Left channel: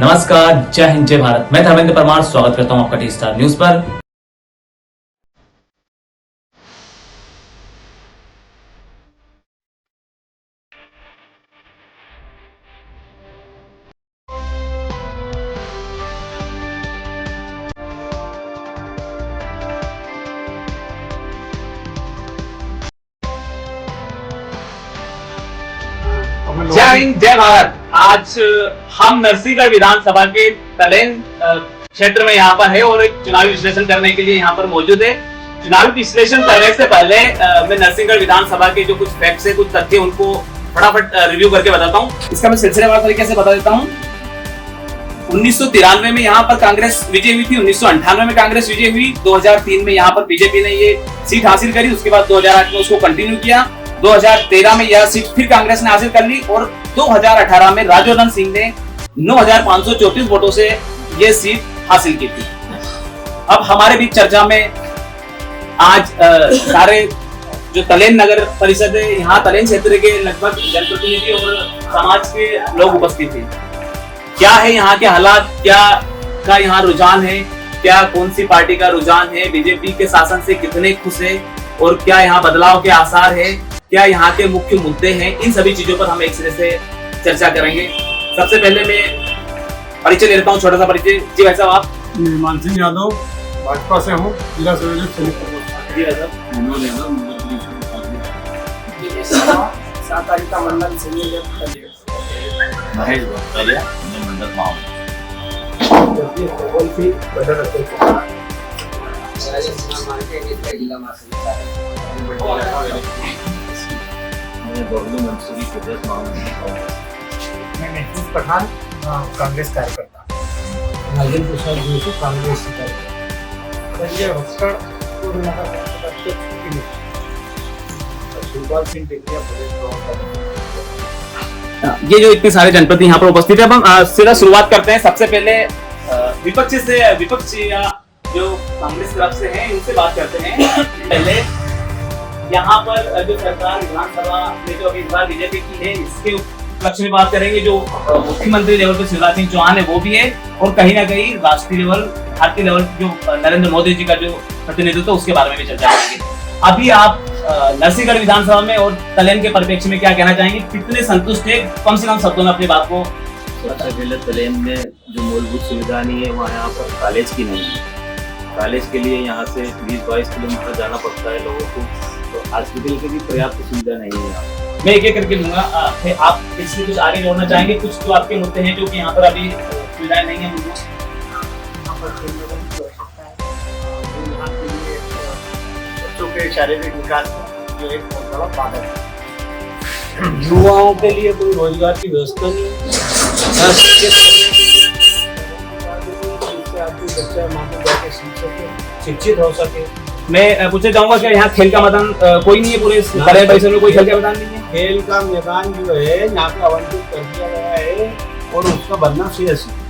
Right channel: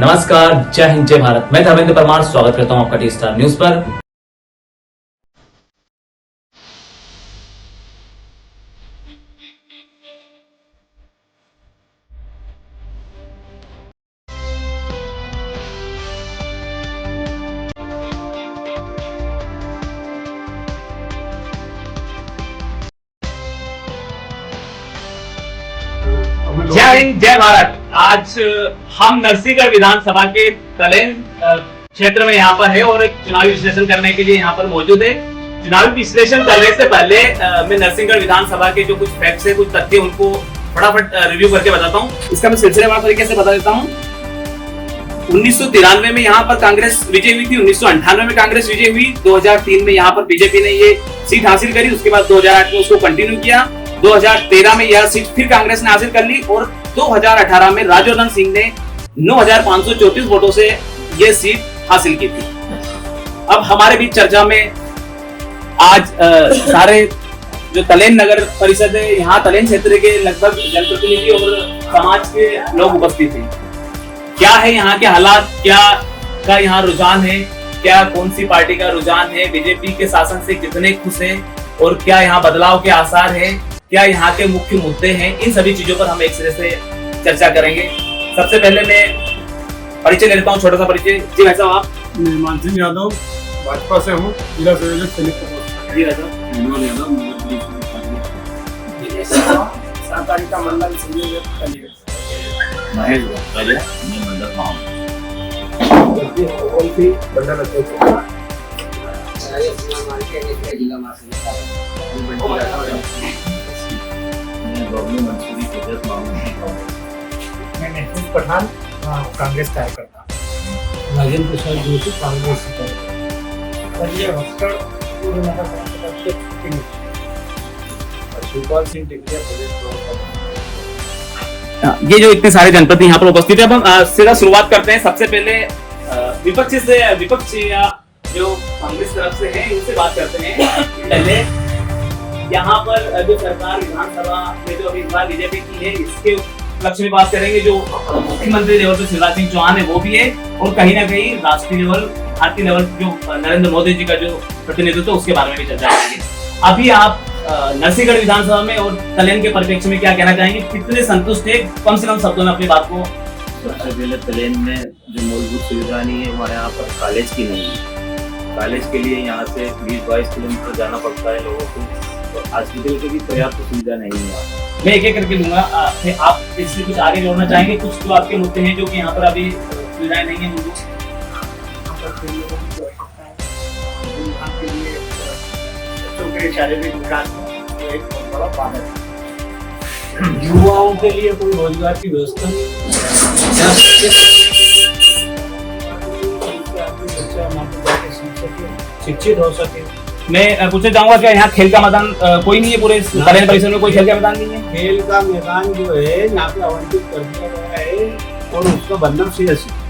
नमस्कार, जय हिंद, जय भारत। मैं धर्मेंद्र परमार स्वागत करता हूं आपका टी स्टार न्यूज पर। जय हिंद, जय भारत। आज हम नरसिंहगढ़ विधानसभा के तलेन क्षेत्र में यहाँ पर है और एक चुनावी विश्लेषण करने के लिए यहाँ पर मौजूद है। चुनावी विश्लेषण करने से पहले मैं नरसिंहगढ़ विधानसभा के जो कुछ फैक्ट्स है, कुछ तथ्य, उनको फटाफट रिव्यू करके बताता हूँ। इसका मैं सिलसिलेवार तरीके से बता देता हूँ। 1993 में यहाँ पर कांग्रेस विजय हुई थी, 1998 में कांग्रेस विजय हुई, 2003 में यहाँ पर बीजेपी ने ये सीट हासिल करी। उसके बाद 2008 में उसको कंटिन्यू किया, 2013 में यह सीट फिर कांग्रेस ने हासिल कर ली और 2018 में राजवर्धन सिंह ने 9,534 वोटों से यह सीट हासिल की थी। अब हमारे बीच चर्चा में आज सारे जो तलेन नगर परिषद है, यहाँ तलेन क्षेत्र के लगभग जनप्रतिनिधि और समाज के लोग उपस्थित हैं। क्या है यहाँ के हालात, क्या का यहाँ रुझान है, क्या कौन सी पार्टी का रुझान है, बीजेपी के शासन से कितने खुश है और क्या यहाँ बदलाव के आसार है, क्या यहाँ के मुख्य मुद्दे हैं, इन सभी चीजों पर हम एक सिरे से चर्चा करेंगे। सबसे पहले मैं परिचय ले लेता हूँ, छोटा सा परिचय। जी भाई साहब, आप? मैं मान सिंह यादव, भाजपा से हूँ, जिला संयोजक जी भाई साहब, सातारी का मंडल संयोजक महेश भक्तालिया, मैं मंडल माहौल जिला मैं महफूज पठान, कांग्रेस कार्यकर्ता, राजेंद्र प्रसाद जोशी, कांग्रेस संजय भक्कड़, पूर्व नगर कार्यकर्ता, शिवपाल सिंह टिकरिया, प्रदेश प्रवक्ता। ये जो इतने सारे जनप्रतिनिधि यहाँ पर उपस्थित है, अब हम सीधा शुरुआत करते हैं। सबसे पहले विपक्ष या जो कांग्रेस तरफ से है, इनसे बात करते हैं। पहले यहाँ पर जो सरकार विधानसभा में जो इस बार बीजेपी की है, इसके उपलक्ष्य में बात करेंगे। जो मुख्यमंत्री लेवल पे शिवराज सिंह चौहान है वो भी है, और कहीं ना कहीं राष्ट्रीय लेवल, भारतीय लेवल जो नरेंद्र मोदी जी का जो प्रतिनिधित्व, उसके बारे में भी चर्चा करेंगे। अभी आप नरसिंहगढ़ विधानसभा में और तलेन के परिप्रेक्ष्य में क्या कहना चाहेंगे? कितने संतुष्ट है? कम से कम शब्दों में अपनी बात को। सबसे पहले तलेन में जो मूलभूत सुविधा नहीं है, वहाँ यहाँ पर कॉलेज की नहीं है। कॉलेज के लिए यहाँ से 20-22 किलोमीटर जाना पड़ता है लोगों को, तो हॉस्पिटल की भी पर्याप्त सुविधा नहीं है। मैं एक एक करके लूंगा। आप इससे कुछ आगे जोड़ना चाहेंगे? कुछ तो आपके मुद्दे हैं जो कि यहाँ पर अभी सुविधाएं नहीं है। शारीरिक विकास में एक बहुत बड़ा बाधक है। युवाओं के लिए कोई रोजगार की व्यवस्था नहीं, शिक्षित हो सके। मैं पूछना चाहूंगा कि यहाँ खेल का मैदान कोई नहीं है? पूरे तलेन परिसर में कोई खेल का मैदान नहीं है? खेल का मैदान जो है यहाँ पे आवंटित कर दिया गया है और उसका बनना सीएस है।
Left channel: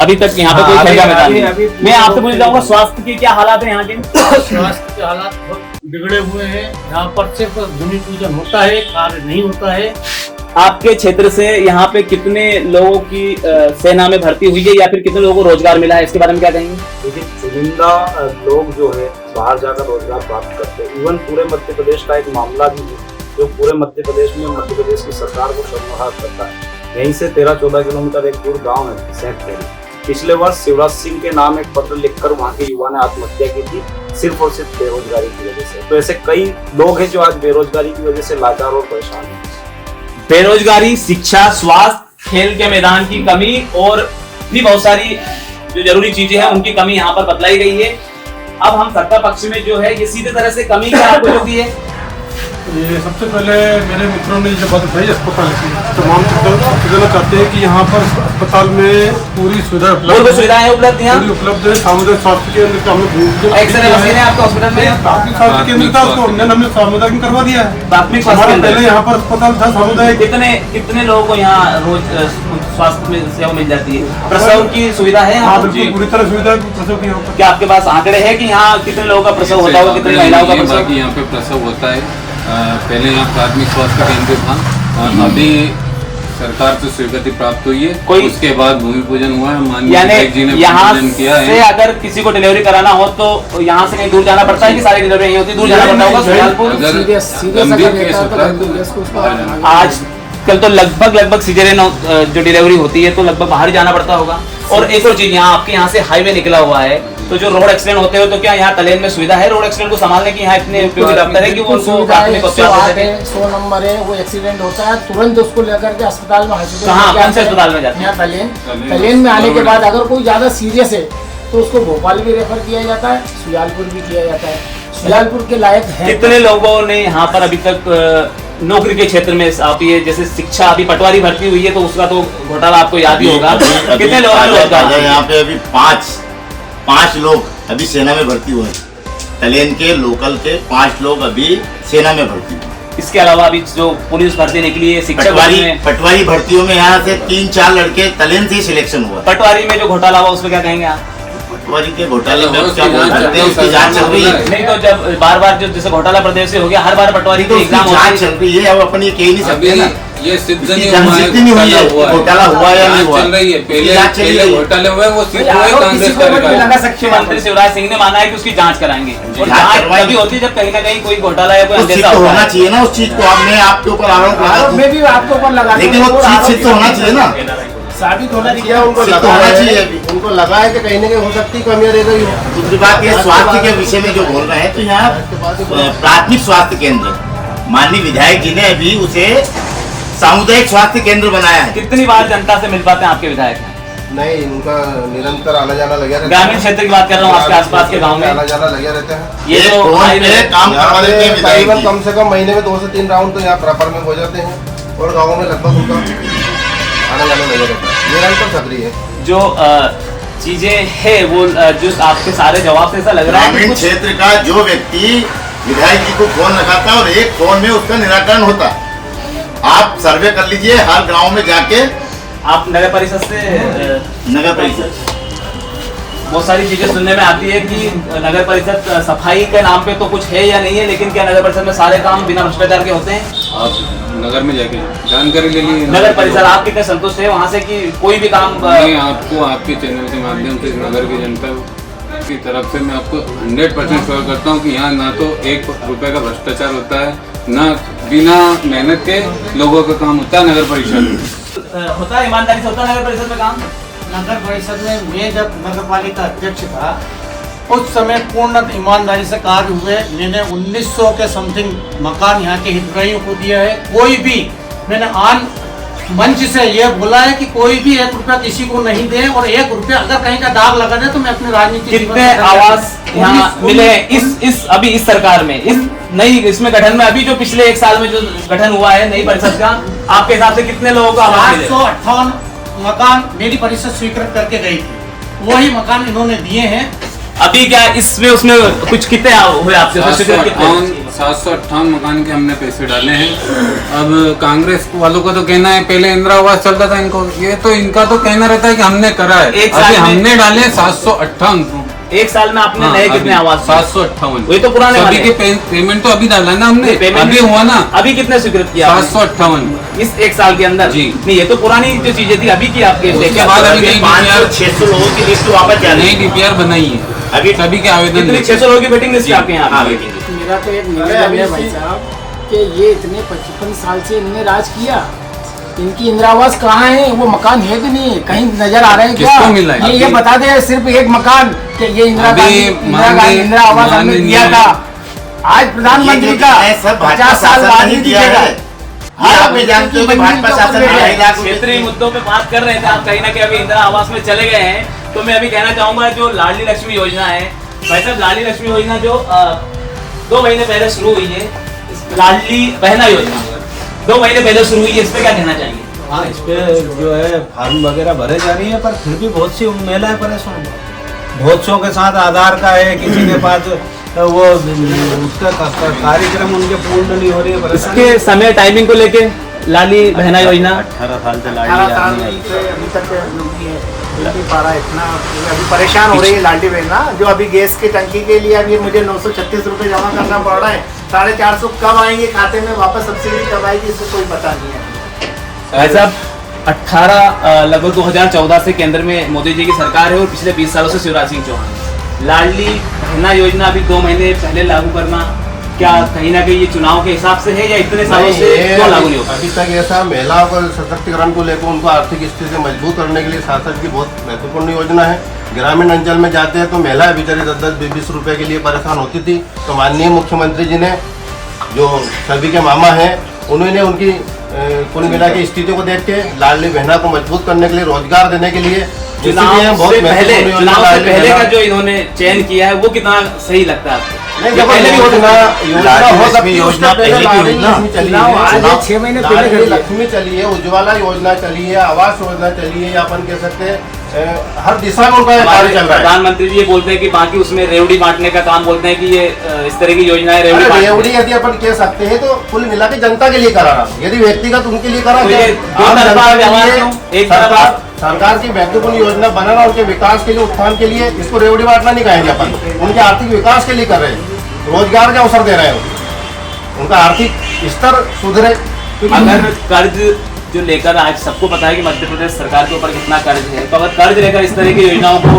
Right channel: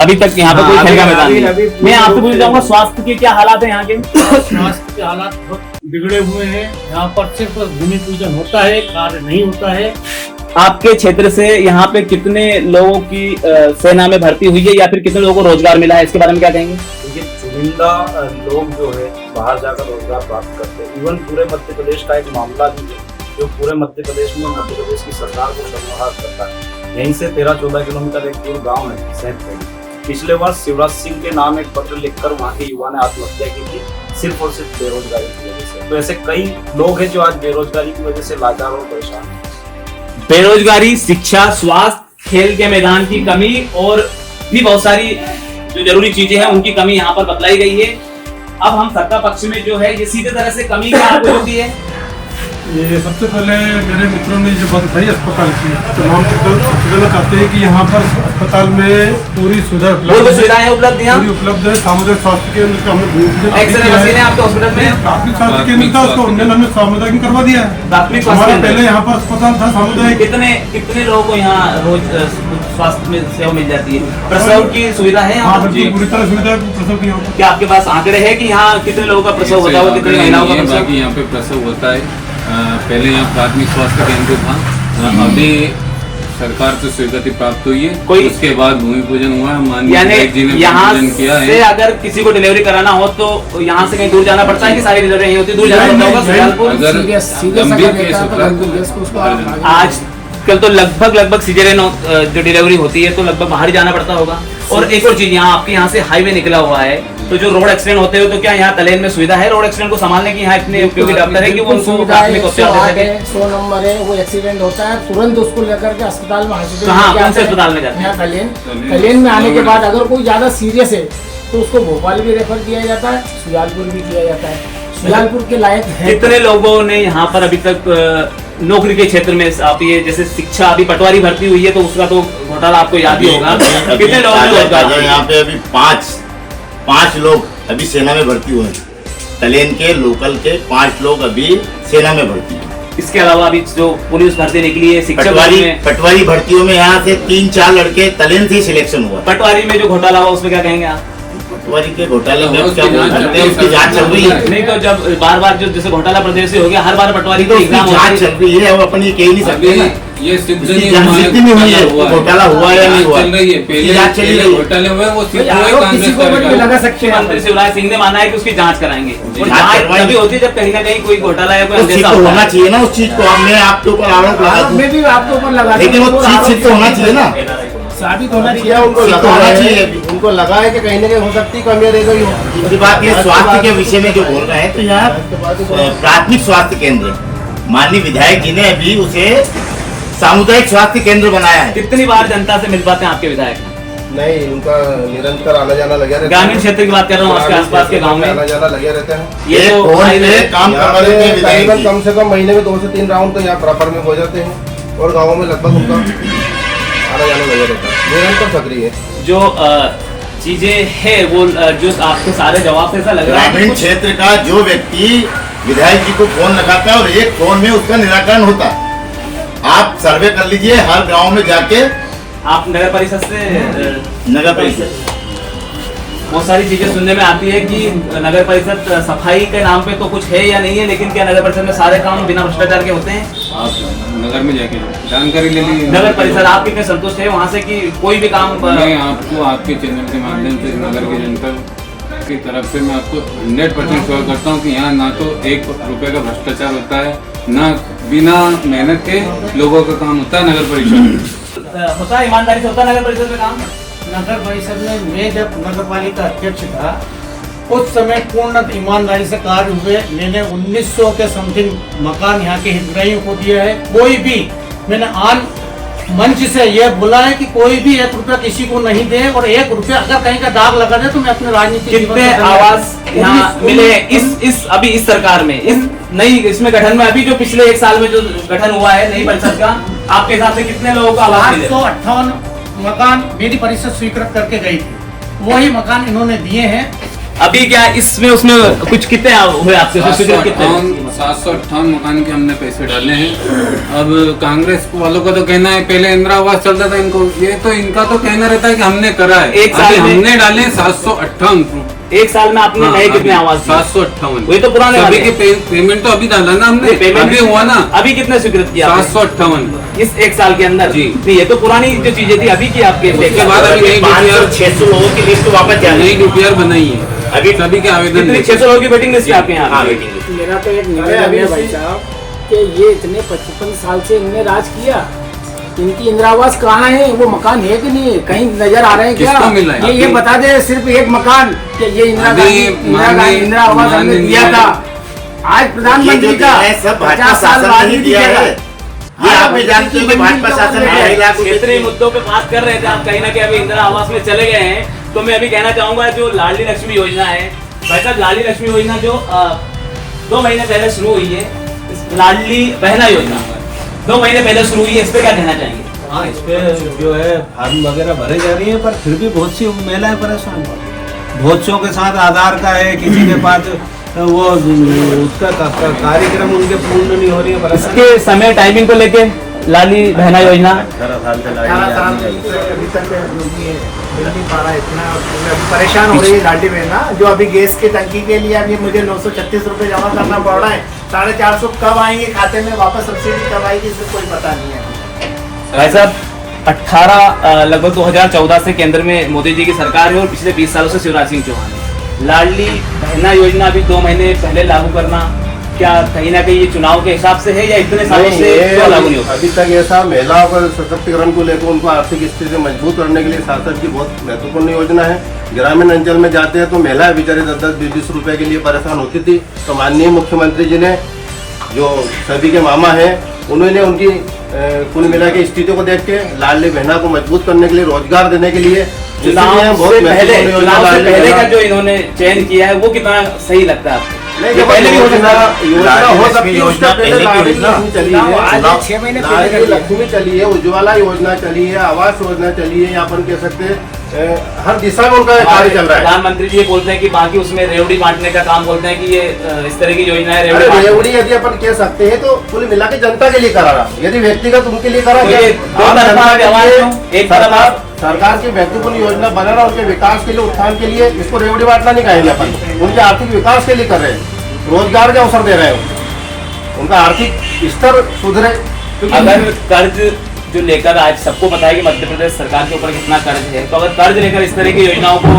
अभी तक यहाँ पे कोई खेल का मैदान नहीं है। मैं आपसे पूछना चाहूंगा, स्वास्थ्य के क्या हालात है यहाँ के? स्वास्थ्य के हालात बहुत बिगड़े हुए हैं। यहाँ पर सिर्फ भूमि पूजन होता है, कार्य नहीं होता है। आपके क्षेत्र से यहाँ पे कितने लोगों की सेना में भर्ती हुई है या फिर कितने लोगों को रोजगार मिला है? इसके बारे में क्या कहेंगे? देखिए, चुनिंदा लोग जो है बाहर जाकर रोजगार प्राप्त करते हैं। इवन पूरे मध्य प्रदेश का एक मामला भी है जो पूरे मध्य प्रदेश में मध्य प्रदेश की सरकार को शर्मसार करता है। यहीं से 13-14 किलोमीटर एक दूर गाँव है सैंतखेड़ी। पिछले वर्ष शिवराज सिंह के नाम एक पत्र लिखकर वहाँ के युवा ने आत्महत्या की थी, सिर्फ और सिर्फ बेरोजगारी की वजह से। तो ऐसे कई लोग हैं जो आज बेरोजगारी की वजह से लाचार और परेशान हैं। बेरोजगारी, शिक्षा, स्वास्थ्य, खेल के मैदान की कमी और भी बहुत सारी जो जरूरी चीजें हैं उनकी कमी यहाँ पर बतलाई गई है। अब हम सत्ता पक्ष में जो है, ये सीधे तरह से कमी क्या आपको होती है? ये सबसे पहले मेरे मित्रों ने जो बात बताई अस्पताल की, तमाम सबसे चाहते हैं कि यहाँ पर अस्पताल में पूरी सुविधाएं उपलब्ध है, सामुदायिक स्वास्थ्य केंद्र का हमने एक्सरे आपके हॉस्पिटल में प्राथमिक स्वास्थ्य केंद्र था, उसको हमने सामुदायिक करवा दिया है। प्राथमिक हमारा पहले यहाँ पर अस्पताल था सामुदायिक। कितने लोगों को यहाँ रोज स्वास्थ्य में सेवा मिल जाती है? प्रसव की सुविधा है यहाँ पर? पूरी तरह सुविधा प्रसव की यहाँ पर। क्या आपके पास आंकड़े हैं कि यहाँ कितने लोगों का प्रसव होता है, कितनी महिलाओं का प्रसव? यहाँ पे प्रसव होता है। पहले यहाँ प्राथमिक स्वास्थ्य केंद्र था, अभी सरकार से स्वीकृति प्राप्त हुई है, कोई- उसके बाद भूमि पूजन हुआ है, माननीय यानी विधायक जी ने यहाँ भूमि पूजन किया से है। अगर किसी को डिलीवरी कराना हो तो यहाँ से कहीं दूर जाना पड़ता है कि सारी डिलीवरी यहीं होती है, दूर जाना पड़ता होगा सुजानपुर? अगर गंभीर केस होता है तो बाहर जाना पड़ता है। आज कल तो लगभग सीजरियन जो डिलीवरी होती है तो लगभग बाहर ही जाना पड़ता होगा। और एक और चीज, यहाँ आपके यहाँ से हाईवे निकला हुआ है, तो जो रोड एक्सीडेंट होते हो तो क्या यहाँ तलेन में सुविधा है रोड एक्सीडेंट को संभालने की? यहाँ इतने उपयोगी डॉक्टर है कि वो उनको प्राथमिक उपचार दे सके? 100 नंबर है, वो एक्सीडेंट होता है तुरंत उसको लेकर के अस्पताल में कहाँ, कौन से अस्पताल में जाते हैं? यहाँ तलेन में आने के बाद अगर कोई ज्यादा सीरियस है तो उसको भोपाल भी रेफर किया जाता है, सुजानपुर भी किया जाता है। सुजानपुर के लायक है। कितने लोगों ने यहाँ पर अभी तक नौकरी के क्षेत्र में आप ये जैसे शिक्षा, अभी पटवारी भर्ती हुई है तो उसका तो घोटाला आपको याद ही होगा, कितने लोगों ने यहाँ पे अभी पांच लोग अभी सेना में भर्ती हुए हैं। तलेन के लोकल के 5 लोग अभी सेना में भर्ती हुए। इसके अलावा अभी जो पुलिस भर्ती निकली है, शिक्षक पटवारी भर्तियों में यहाँ से 3-4 लड़के तलेन से ही सिलेक्शन हुआ। पटवारी में जो घोटाला हुआ उसमें क्या कहेंगे आप? पटवारी के घोटाले में अब क्या बोल सकते हैं, उसकी जांच चल रही है। नहीं तो जब बार जो जैसे घोटाला प्रदेश से हो गया, हर बार पटवारी तो को उसकी एग्जाम जांच चल रही है, अब अपन ये कह ही नहीं सकते ना। ये सिद्ध इसकी नहीं जांच हुआ है, सिद्ध नहीं हुई है, घोटाला हुआ या नहीं हुआ, चल रही है। जांच चली रही है। घोटाले हुए वो सिद्ध हुए, आरोप कांग्रेस किसी को भी करेगा। लगा सकते हैं। मुख्यमंत्री शिवराज सिंह ने माना है कि उसकी जांच कराएंगे, और जांच जांच करवाएंगे। तभी होती है जब कहीं ना कहीं कोई घोटाला या कोई तो सिद्ध अंदेशा तो होता होना है। चाहिए ना उस चीज को। अब मैं आपके ऊपर आरोप लगा आरोप दूं, में भी आपके ऊपर लगा लेकिन वो चीज सिद्ध तो होना चाहिए ना। साबित होना चाहिए। उनको सिद्ध लगा होना है, चाहिए। उनको लगा है कि कहीं ना कहीं हो सकती है कमी रह गई हो। दूसरी बात ये स्वास्थ्य के विषय में जो बोल रहे हैं, तो यहाँ प्राथमिक स्वास्थ्य केंद्र माननीय विधायक जी ने अभी उसे सामुदायिक स्वास्थ्य केंद्र बनाया है। कितनी बार जनता से मिल पाते हैं आपके विधायक? नहीं, उनका निरंतर आना जाना लगा रहता है। ग्रामीण क्षेत्र की बात कर रहा हूँ, आपके आसपास के गाँव आना में जाना लगे रहते हैं। ये एक तो फोन पे काम यहाँ करवा देते हैं पे विधायक तकरीबन जी। कम से कम महीने में 2 से 3 राउंड तो यहाँ प्रॉपर में हो जाते हैं और गाँवों में लगभग उनका आना जाना लगा रहता है, निरंतर सक्रिय है। जो चीजें है वो जो आपके सारे जवाब से ऐसा लग रहा है कि ग्रामीण कुछ- क्षेत्र का जो व्यक्ति विधायक जी को फोन लगाता है और एक फोन में उसका निराकरण होता है। आप सर्वे कर लीजिए हर गांव में जाके, आप नगर परिषद से नगर परिषद बहुत सारी चीजें सुनने में आती है कि नगर परिषद सफाई के नाम पे तो कुछ है या नहीं है, लेकिन क्या नगर परिषद में सारे काम बिना भ्रष्टाचार के होते हैं? आप नगर में जाके जानकारी ले लीजिए। नगर परिषद आप कितने संतुष्ट है वहाँ से कि कोई भी काम मैं आपको आपके चैनल के माध्यम से नगर की जनता की तरफ से मैं आपको 100% श्योर करता हूँ कि यहाँ ना तो 1 रुपए का भ्रष्टाचार होता है, ना बिना मेहनत के लोगों का काम होता है नगर परिषद में। होता है, ईमानदारी से होता है नगर परिषद में काम? नगर परिषद में मैं जब नगर पालिका अध्यक्ष था उस समय पूर्ण ईमानदारी से कार्य हुए। मैंने 1900 के समथिंग मकान यहाँ के हितग्राहियों को दिया है। कोई भी मैंने आन मंच से ये बोला है कि कोई भी 1 रुपया किसी को नहीं दे, और 1 रुपया अगर कहीं का दाग लगा दे तो मैं अपने राजनीतिक जीवन कितने में- आवास यहाँ मिले इस अभी इस सरकार में, इस नई इसमें गठन में, अभी जो पिछले 1 साल में जो गठन हुआ है नई परिषद का, आपके हिसाब से कितने लोगों को आवास मिले? 858 मकान मेरी परिषद स्वीकृत करके गई थी, वही मकान इन्होंने दिए हैं। अभी क्या इसमें उसमें कुछ कितने हुए आपसे स्वीकृत कितने? 758 मकान के हमने पैसे डाले हैं। अब कांग्रेस वालों का तो कहना है पहले इंदिरा आवास चलता था इनको, ये तो इनका तो कहना रहता है कि हमने करा है। एक साल अभी में- हमने डाले 758। 1 साल में आपने नए कितने आवास? 758। वही तो पुराने अभी वाले। के पेमेंट तो अभी डाला ना हमने, अभी हुआ ना। अभी कितने स्वीकृत किया आपने? 758 इस 1 साल के अंदर? जी। नहीं, ये तो पुरानी जो चीजें थी अभी की आपके उसके बाद अभी नई 500-600 लोगों की लिस्ट वापस जा रही नई है। डीपीआर बनाई है अभी सभी के आवेदन कितनी लेके। 600 लोगों की वेटिंग लिस्ट आपके यहाँ हाँ, पे? Waiting list. मेरा तो एक निवेदन है भाई साहब कि ये इतने 55 साल से इनने राज किया, इनकी इंदिरा आवास कहाँ है? वो मकान है कि नहीं, कहीं नजर आ रहे हैं क्या? किसको मिला है? ये बता दे सिर्फ एक मकान कि ये इंदिरा अभी इंदिरा आवास हमने माननीय- दिया था। आज प्रधानमंत्री ये जो का दिया है, सब भाजपा 50 साल शासन बाद ने ही ही दिया है। ये आप भी जानते हो कि भाजपा शासन में 2.5 लाख रुपए क्षेत्रीय मुद्दों पे बात कर रहे थे आप, कहीं ना कहीं अभी इंदिरा आवास में चले गए हैं, तो मैं अभी कहना चाहूंगा जो लाडली लक्ष्मी योजना है, भाई साहब लाडली लक्ष्मी योजना जो 2 महीने पहले शुरू हुई है, इस लाडली बहना योजना 2 महीने पहले शुरू हुई है, इस पे क्या कहना चाहेंगे? हाँ, इस पे जो है फॉर्म वगैरह भरे जा रही है, पर फिर भी बहुत सी महिलाएं परेशान हैं। बहुत सौ के साथ आधार का है, किसी के पास वो उसका कार्यक्रम उनके पूर्ण नहीं हो रही है। इसके समय टाइमिंग को लेके लाडली बहना योजना 18 साल से 18 साल लाडली की अभी तक मिल नहीं पा रहा है, इतना अभी परेशान हो रही है लाडली बहना। जो अभी गैस की टंकी के लिए अभी मुझे 936 रुपये जमा करना पड़ रहा है। 450 कब आएंगे खाते में वापस, सब्सिडी कब आएगी इससे कोई पता नहीं है। भाई साहब 18 लगभग 2014 से केंद्र में मोदी जी की सरकार है और पिछले 20 सालों से शिवराज सिंह चौहान है। लाडली बहना योजना अभी 2 महीने पहले लागू करना क्या कहीं ना कहीं ये चुनाव के हिसाब से है या इतने सालों से क्यों लागू नहीं होगा? अभी तक ऐसा महिलाओं को सशक्तिकरण को लेकर उनको आर्थिक स्थिति मजबूत करने के लिए शासन की बहुत महत्वपूर्ण योजना है। ग्रामीण अंचल में जाते हैं तो महिला बेचारे 10-20 रुपए के लिए परेशान होती थी, तो माननीय मुख्यमंत्री जी ने जो सभी के मामा हैं उन्होंने उनकी कुल मिला के स्थिति को देख के लाडली बहना को मजबूत करने के लिए, रोजगार देने के लिए चुनाव से पहले का जो इन्होंने चयन किया है वो कितना सही लगता है आपको? पहले भी योजना हो सकती है, उसके पहले लाडली लक्ष्मी चली है, 6 महीने लाडली लक्ष्मी चली है, उज्ज्वला योजना चली है, आवास योजना चली है, अपन कह सकते हैं हर दिशा में उनका कार्य चल रहा है। प्रधानमंत्री जी ये बोलते हैं कि बाकी उसमें रेवड़ी बांटने का काम बोलते हैं कि ये इस तरह की योजना है रेवड़ी यदि अपन कह सकते हैं तो कुल मिला के जनता के लिए करा रहा, यदि व्यक्तिगत उनके लिए करा सरकार की महत्वपूर्ण योजना बनाना उनके विकास के लिए, उत्थान के लिए, इसको रेवड़ी बांटना नहीं कहेंगे अपन, उनके आर्थिक विकास के लिए कर रहे हैं, रोजगार के अवसर दे रहे हैं, उनका आर्थिक स्तर सुधरे। अगर कर्ज जो लेकर आज सबको पता है कि मध्य प्रदेश सरकार के ऊपर कितना कर्ज है, तो अगर कर्ज लेकर इस तरह की योजनाओं को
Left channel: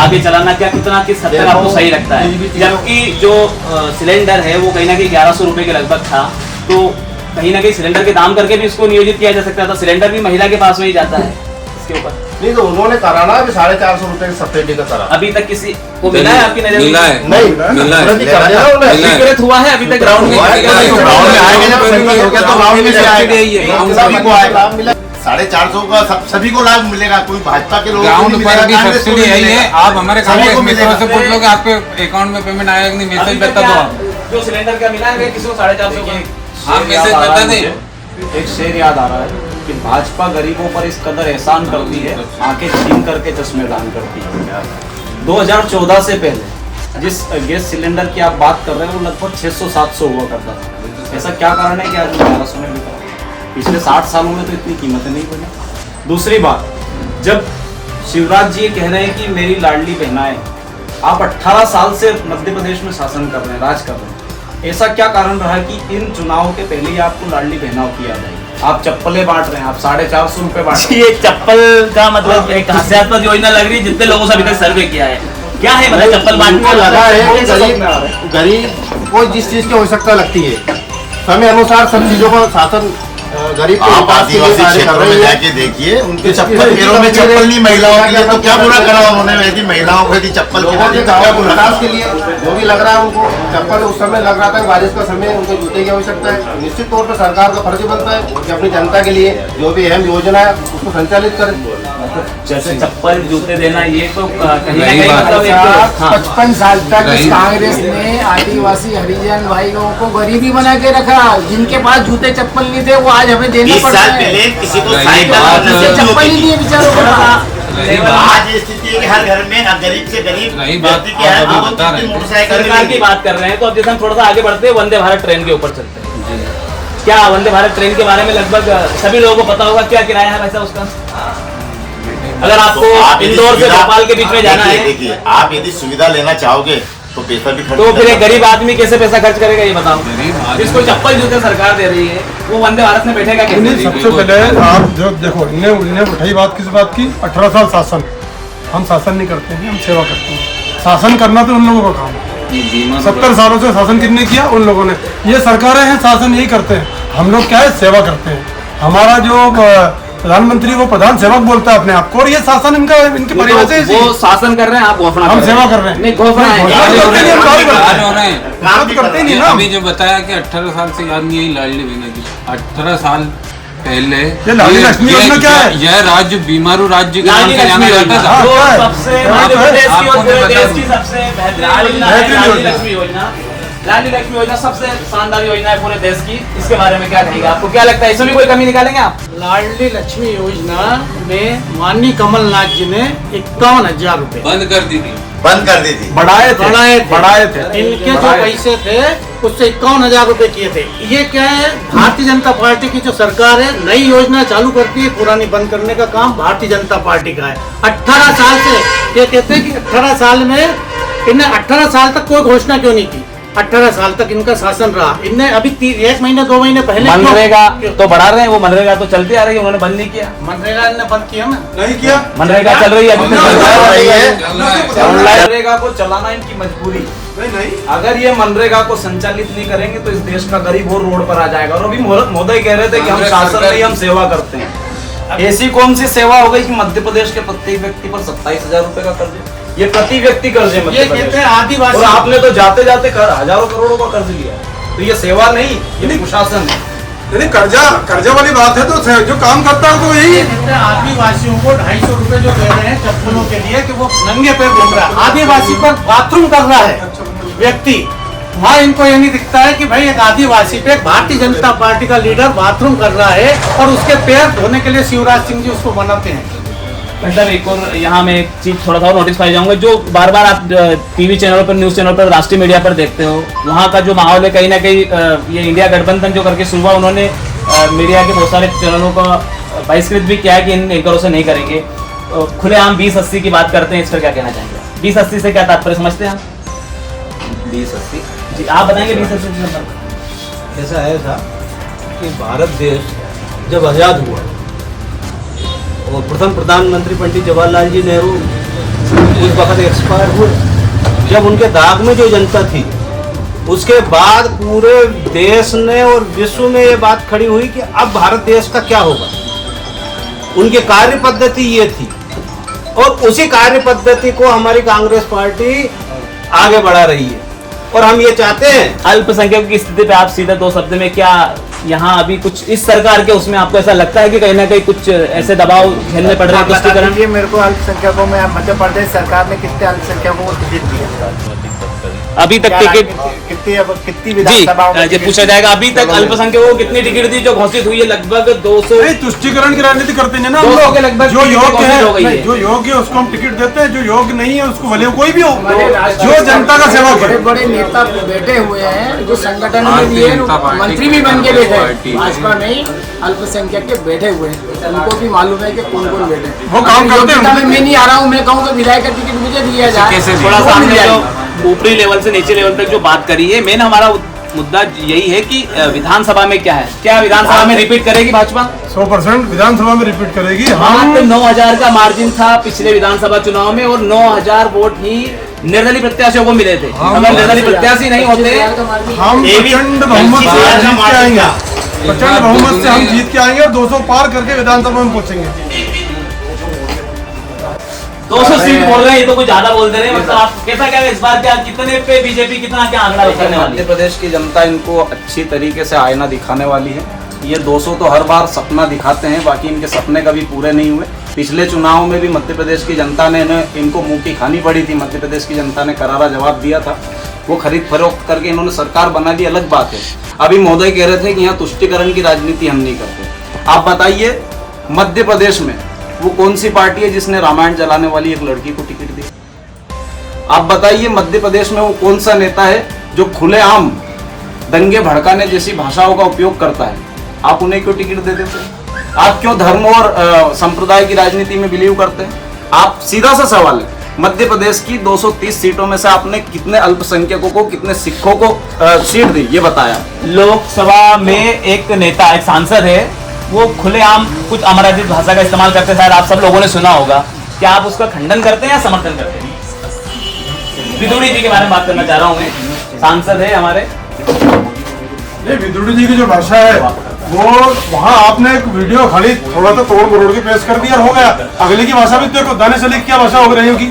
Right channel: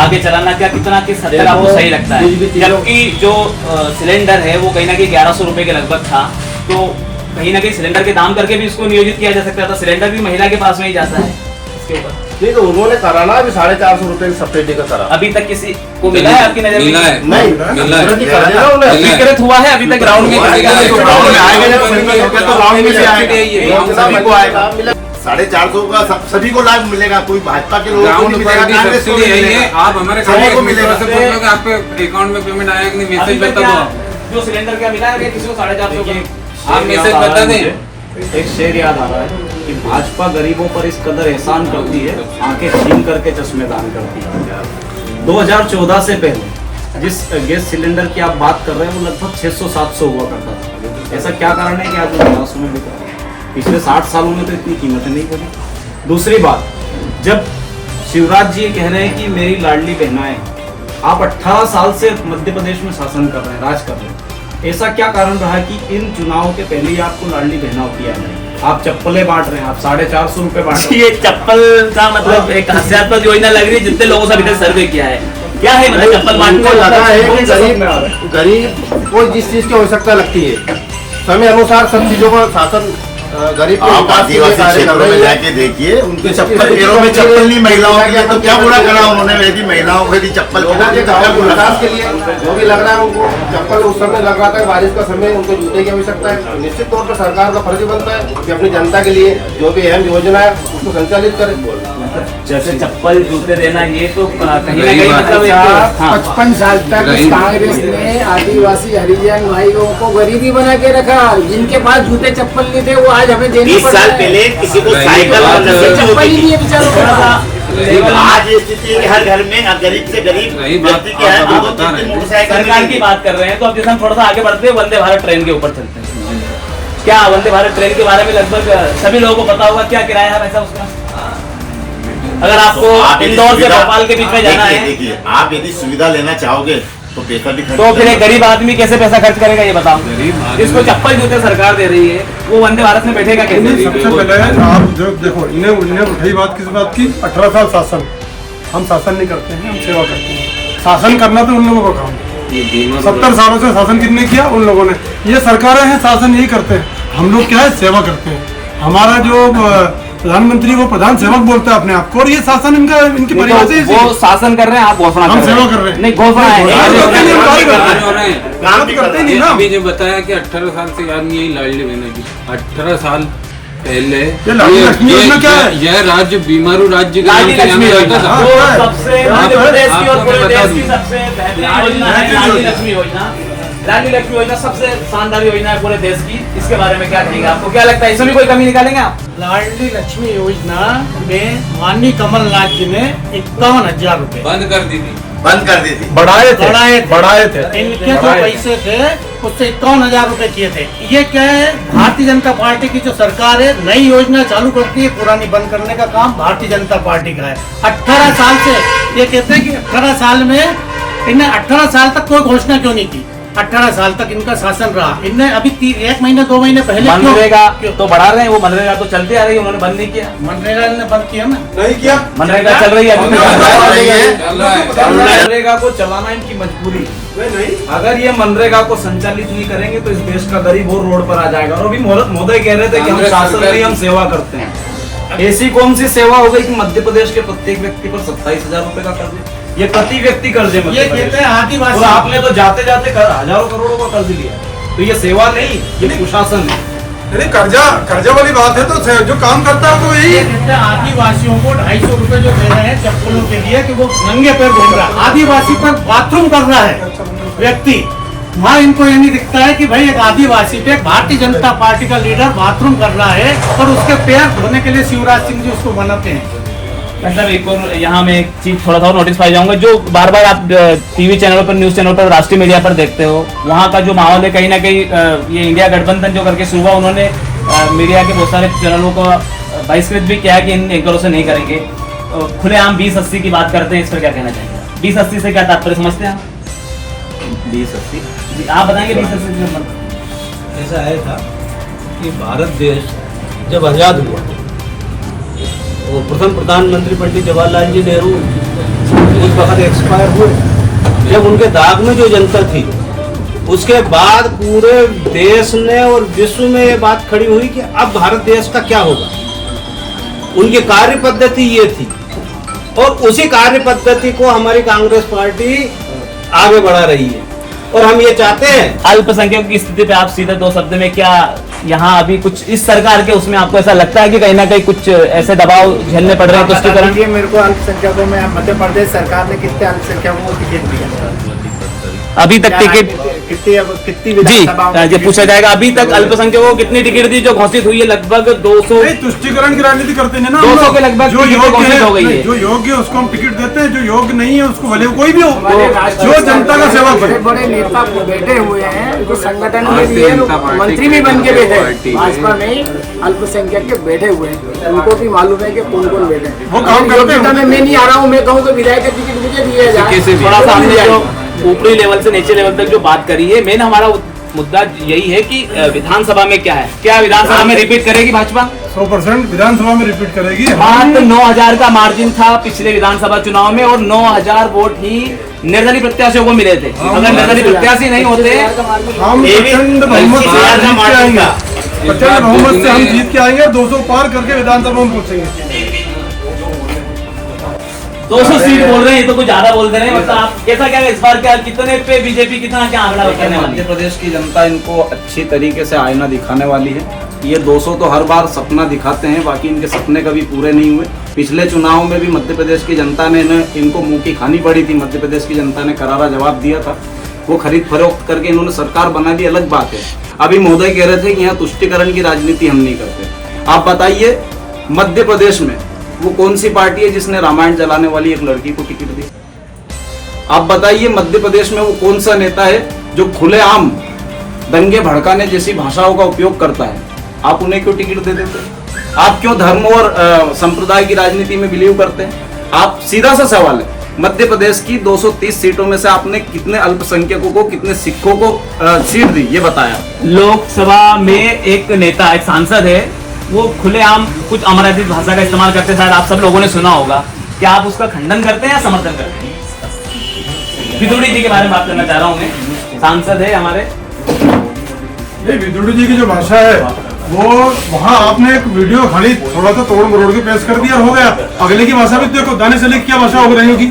आगे चलाना क्या कितना किस हद तक आपको सही लगता है? जबकि जो सिलेंडर है वो कहीं ना कहीं 1100 रुपए के लगभग था, तो कहीं ना कहीं सिलेंडर के दाम करके भी उसको नियोजित किया जा सकता है, तो सिलेंडर भी महिला के पास में ही जाता है इसके ऊपर। नहीं तो उन्होंने करा ना अभी 450 रुपए की सब्सिडी का करा, अभी तक किसी को मिला है आपकी नजर में? नहीं विकृत हुआ है अभी तक ग्राउंड में? 450 का सभी को लाभ मिलेगा, कोई भाजपा के लोगों को नहीं मिलेगा, सब्सिडी है। आप हमारे कांग्रेस मित्र से पूछ लो कि आपके अकाउंट में पेमेंट आया कि नहीं, मैसेज बता दो। जो सिलेंडर क्या मिला है किसी को 450 आप मैसेज बता दें। एक शेर याद आ रहा है कि भाजपा गरीबों पर इस कदर एहसान करती है, आंखें छीन करके चश्मे दान करती है। 2014 से पहले जिस गैस सिलेंडर की आप बात कर रहे हैं वो लगभग 600-700 हुआ करता था। ऐसा क्या कारण है कि आज 1200 में बिका? पिछले 60 सालों में तो इतनी कीमत नहीं बनी। दूसरी बात, जब शिवराज जी कह रहे हैं कि मेरी लाडली बहनाएं, आप 18 साल से मध्य प्रदेश में शासन कर रहे हैं, राज कर रहे हैं, ऐसा क्या कारण रहा कि इन चुनावों के पहले ही आपको लाडली बहनाओं किया जाए? आप चप्पलें बांट रहे हैं, आप 450 रुपए बांट रहे हैं। ये चप्पल का मतलब एक हास्यास्पद योजना लग रही है, जितने लोगों से अभी तक सर्वे किया है, क्या है मतलब चप्पल बांटने को लगा है कि गरीब को जिस चीज की आवश्यकता लगती है समय अनुसार सब चीजों को शासन गरीब के विकास के लिए कार्य कर रहे हैं। जाके देखिए उनके पैरों में चप्पल नहीं महिलाओं की, तो क्या बुरा करा उन्होंने? यदि महिलाओं को यदि चप्पल लोगों के गाँव के विकास के लिए जो भी लग रहा है उनको चप्पल उस समय लग रहा था, बारिश का समय उनको जूते की आवश्यकता है। निश्चित तौर पर सरकार का फर्ज बनता है कि अपनी जनता के लिए जो भी अहम योजना है उसको संचालित करे। जैसे चप्पल जूते देना ये तो कहीं ना कहीं मतलब 55 साल तक कांग्रेस ने आदिवासी हरिजन भाइयों को गरीबी बना के रखा, जिनके पास जूते चप्पल नहीं थे वो आज हमें देना पड़ता है। पहले किसी को साइकिल चप्पल ही नहीं बेचारों। आज स्थिति है हर घर में गरीब से गरीब व्यक्ति क्या है मोटरसाइकिल। सरकार की बात कर रहे हैं तो अब जैसे हम थोड़ा सा आगे बढ़ते हैं, वंदे भारत ट्रेन के ऊपर चलते हैं। क्या वंदे भारत ट्रेन के बारे में लगभग सभी लोगों को पता होगा, क्या किराया है वैसा उसका? अगर आपको इंदौर से भोपाल के बीच में जाना है, देखिए आप यदि सुविधा लेना चाहोगे तो पैसा भी तो फिर एक गरीब आदमी कैसे पैसा खर्च करेगा ये बताओ? जिसको चप्पल जूते सरकार दे रही है वो वंदे भारत में बैठेगा कैसे? सबसे पहले आप जो देखो इन्हें उठाई बात किस बात की? 18 साल शासन। हम शासन नहीं करते हैं, हम सेवा करते हैं। शासन करना तो उन लोगों का काम है। 70 सालों से शासन किसने किया? उन लोगों ने। ये सरकारें हैं, शासन यही करते हैं। हम लोग क्या है, सेवा करते हैं। हमारा जो प्रधानमंत्री वो प्रधान सेवक बोलता है अपने आप को, और ये शासन इनका इनकी परिभाषा है। वो शासन कर रहे हैं, आप घोषणा हम सेवा कर रहे हैं। नहीं घोषणा है। अभी जो बताया कि 18 साल से याद नहीं है लाडली बहना की। 18 साल पहले यह राज्य बीमारू राज्य के नाम से जाना जाता था। सबसे मध्य प्रदेश की और पूरे देश की सबसे बेहतरीन योजना है लाडली लक्ष्मी योजना। लाडली लक्ष्मी योजना सबसे शानदार योजना है पूरे देश की। इसके बारे में क्या कहेंगे? आपको क्या लगता है इसमें भी कोई कमी निकालेंगे आप? लाडली लक्ष्मी योजना में माननीय कमलनाथ जी ने 51,000 रुपए बंद कर दी थी। बढ़ाए थे। इनके जो पैसे थे उससे 51,000 रुपए किए थे। ये क्या है, भारतीय जनता पार्टी की जो सरकार है नई योजना चालू करती है, पुरानी बंद करने का काम भारतीय जनता पार्टी का है। 18 साल से ये कहते हैं कि 18 साल में इन्हें 18 साल तक कोई घोषणा क्यों नहीं की? 18 साल तक इनका शासन रहा। इनने अभी 1 महीने 2 महीने पहले मनरेगा तो बढ़ा रहे हैं, वो मनरेगा तो चलती आ रही है, उन्होंने बंद नहीं किया। मनरेगा ने बंद किया ना, नहीं किया, मनरेगा चल रही है मनरेगा को चलाना इनकी मजबूरी। नहीं अगर ये मनरेगा को संचालित नहीं करेंगे तो इस देश का गरीब और रोड पर आ जाएगा। और अभी मोदी कह रहे थे कि हम शासन नहीं, हम सेवा करते हैं। ऐसी कौन सी सेवा हो गई कि मध्य प्रदेश के प्रत्येक व्यक्ति पर 27,000 रुपए का कर्ज, ये प्रति व्यक्ति कर्ज है मध्य प्रदेश। और आदिवासी आपने तो जाते जाते हजारों करोड़ों का कर्ज लिया, तो ये सेवा नहीं, ये कुशासन है। नहीं, कर्जा वाली बात है तो जो काम करता है तो यही। आदिवासियों को 250 रुपए जो दे रहे हैं चप्पलों के लिए कि वो नंगे पैर घूम रहा है, आदिवासी पर बाथरूम कर रहा है व्यक्ति, वहाँ इनको ये नहीं दिखता है कि भाई एक आदिवासी पे भारतीय जनता पार्टी का लीडर बाथरूम कर रहा है और उसके पैर धोने के लिए शिवराज सिंह जी उसको बनाते हैं। मतलब एक और यहाँ में एक चीज थोड़ा सा नोटिस पाई जाऊंगा, जो बार बार आप टीवी चैनल पर, न्यूज चैनल पर, राष्ट्रीय मीडिया पर देखते हो, वहाँ का जो माहौल है कहीं ना कहीं ये इंडिया गठबंधन जो करके सुबह उन्होंने मीडिया के बहुत सारे चैनलों का बहिष्कृत भी किया है कि इन एंकरों से नहीं करेंगे। खुलेआम 2080 की बात करते हैं, इस पर क्या कहना चाहेंगे? 2080 से क्या तात्पर्य समझते हैं आप? 2080 जी आप बताएंगे 2080 से मतलब। ऐसा आया था कि भारत देश जब आज़ाद हुआ और प्रथम प्रधानमंत्री पंडित जवाहरलाल जी नेहरू उस वक्त एक्सपायर हुए, जब उनके दाग में जो जनता थी, उसके बाद पूरे देश ने और विश्व में ये बात खड़ी हुई कि अब भारत देश का क्या होगा। उनकी कार्य पद्धति ये थी और उसी कार्य पद्धति को हमारी कांग्रेस पार्टी आगे बढ़ा रही है और हम ये चाहते हैं। अल्पसंख्यक की स्थिति पे आप सीधा 2 शब्द में क्या यहाँ अभी कुछ इस सरकार के उसमें आपको ऐसा लगता है कि कहीं ना कहीं कुछ ऐसे दबाव झेलने पड़ रहे हैं तुष्टिकरण? मेरे को अल्पसंख्यकों में मध्य प्रदेश सरकार ने कितने अल्पसंख्यकों को टिकट दिया अभी तक? टिकट कितनी विधानसभा जी पूछा जाएगा अभी तक अल्पसंख्यकों को कितनी टिकट दी? जो घोषित हुई है लगभग 200। तुष्टिकरण की राजनीति करते हैं ना, 200 के लगभग जो योग्य है, जो योग्य है उसको हम टिकट देते हैं, जो योग्य नहीं है उसको भले कोई भी हो, जो जनता का सेवा करे। बड़े बड़े नेता बैठे हुए हैं जो संगठन के लिए मंत्री भी बन के बैठे हैं, भाजपा में ही अल्पसंख्यक के बैठे हुए हैं, उनको भी मालूम है कि कौन कौन बैठे हैं। योग्यता में मैं नहीं आ रहा हूँ, मैं कहूँ कि विधायक का टिकट मुझे दिया जाए। थोड़ा सा हमने जो ऊपरी लेवल से नीचे लेवल तक जो बात करी है, मेन हमारा मुद्दा यही है कि विधानसभा में क्या है, क्या विधानसभा में रिपीट करेगी भाजपा? 100% विधानसभा में रिपीट करेगी। मात्र 9,000 का मार्जिन था पिछले विधानसभा चुनाव में और 9,000 वोट ही निर्दलीय प्रत्याशियों को मिले थे। अगर निर्दलीय प्रत्याशी नहीं होते हम प्रचंड बहुमत से हम जीत के आएंगे, 200 पार करके विधानसभा में पहुंचेंगे। 200 सीट बोल रहे हैं, ये तो कुछ ज्यादा बोल दे रहे हैं। मतलब आप कैसा क्या इस बार क्या कितने पे बीजेपी कितना क्या आंकड़ा करने वाली मध्य है? प्रदेश की जनता इनको अच्छी तरीके से आईना दिखाने वाली है। ये 200 तो हर बार सपना दिखाते हैं, बाकी इनके सपने कभी पूरे नहीं हुए। पिछले चुनाव में भी मध्य प्रदेश की जनता ने इनको मुंह की खानी पड़ी थी। मध्य प्रदेश की जनता ने करारा जवाब दिया था, वो खरीद फरोख्त करके इन्होंने सरकार बना ली, अलग बात है। अभी मोदी कह रहे थे कि यहाँ तुष्टिकरण की राजनीति हम नहीं करते। आप बताइए मध्य प्रदेश में वो कौन सी पार्टी है जिसने रामायण जलाने वाली एक लड़की को टिकट दी? आप बताइए मध्य प्रदेश में वो कौन सा नेता है जो खुलेआम दंगे भड़काने जैसी भाषाओं का उपयोग करता है? आप उन्हें क्यों टिकट दे देते? आप क्यों धर्म और संप्रदाय की राजनीति में बिलीव करते हैं? आप सीधा सा सवाल है, मध्य प्रदेश की 230 सीटों में से आपने कितने अल्पसंख्यकों को, कितने सिखों को सीट दी, ये बताया। लोकसभा में एक नेता, एक सांसद है, वो खुलेआम कुछ अमरावती भाषा का इस्तेमाल करते हैं। आप सब लोगों ने सुना होगा, क्या आप उसका खंडन करते हैं या समर्थन करते हैं? विदुड़ी जी के बारे में बात करना चाह रहा हूँ मैं, सांसद है हमारे। विदुड़ी जी की जो भाषा है वो वहाँ आपने एक वीडियो खड़ी थोड़ा सा तोड़ मरोड़ के पेश कर दिया, हो गया। अगले की भाषा भी देखो, दाने से लेकर क्या भाषा हो रही होगी?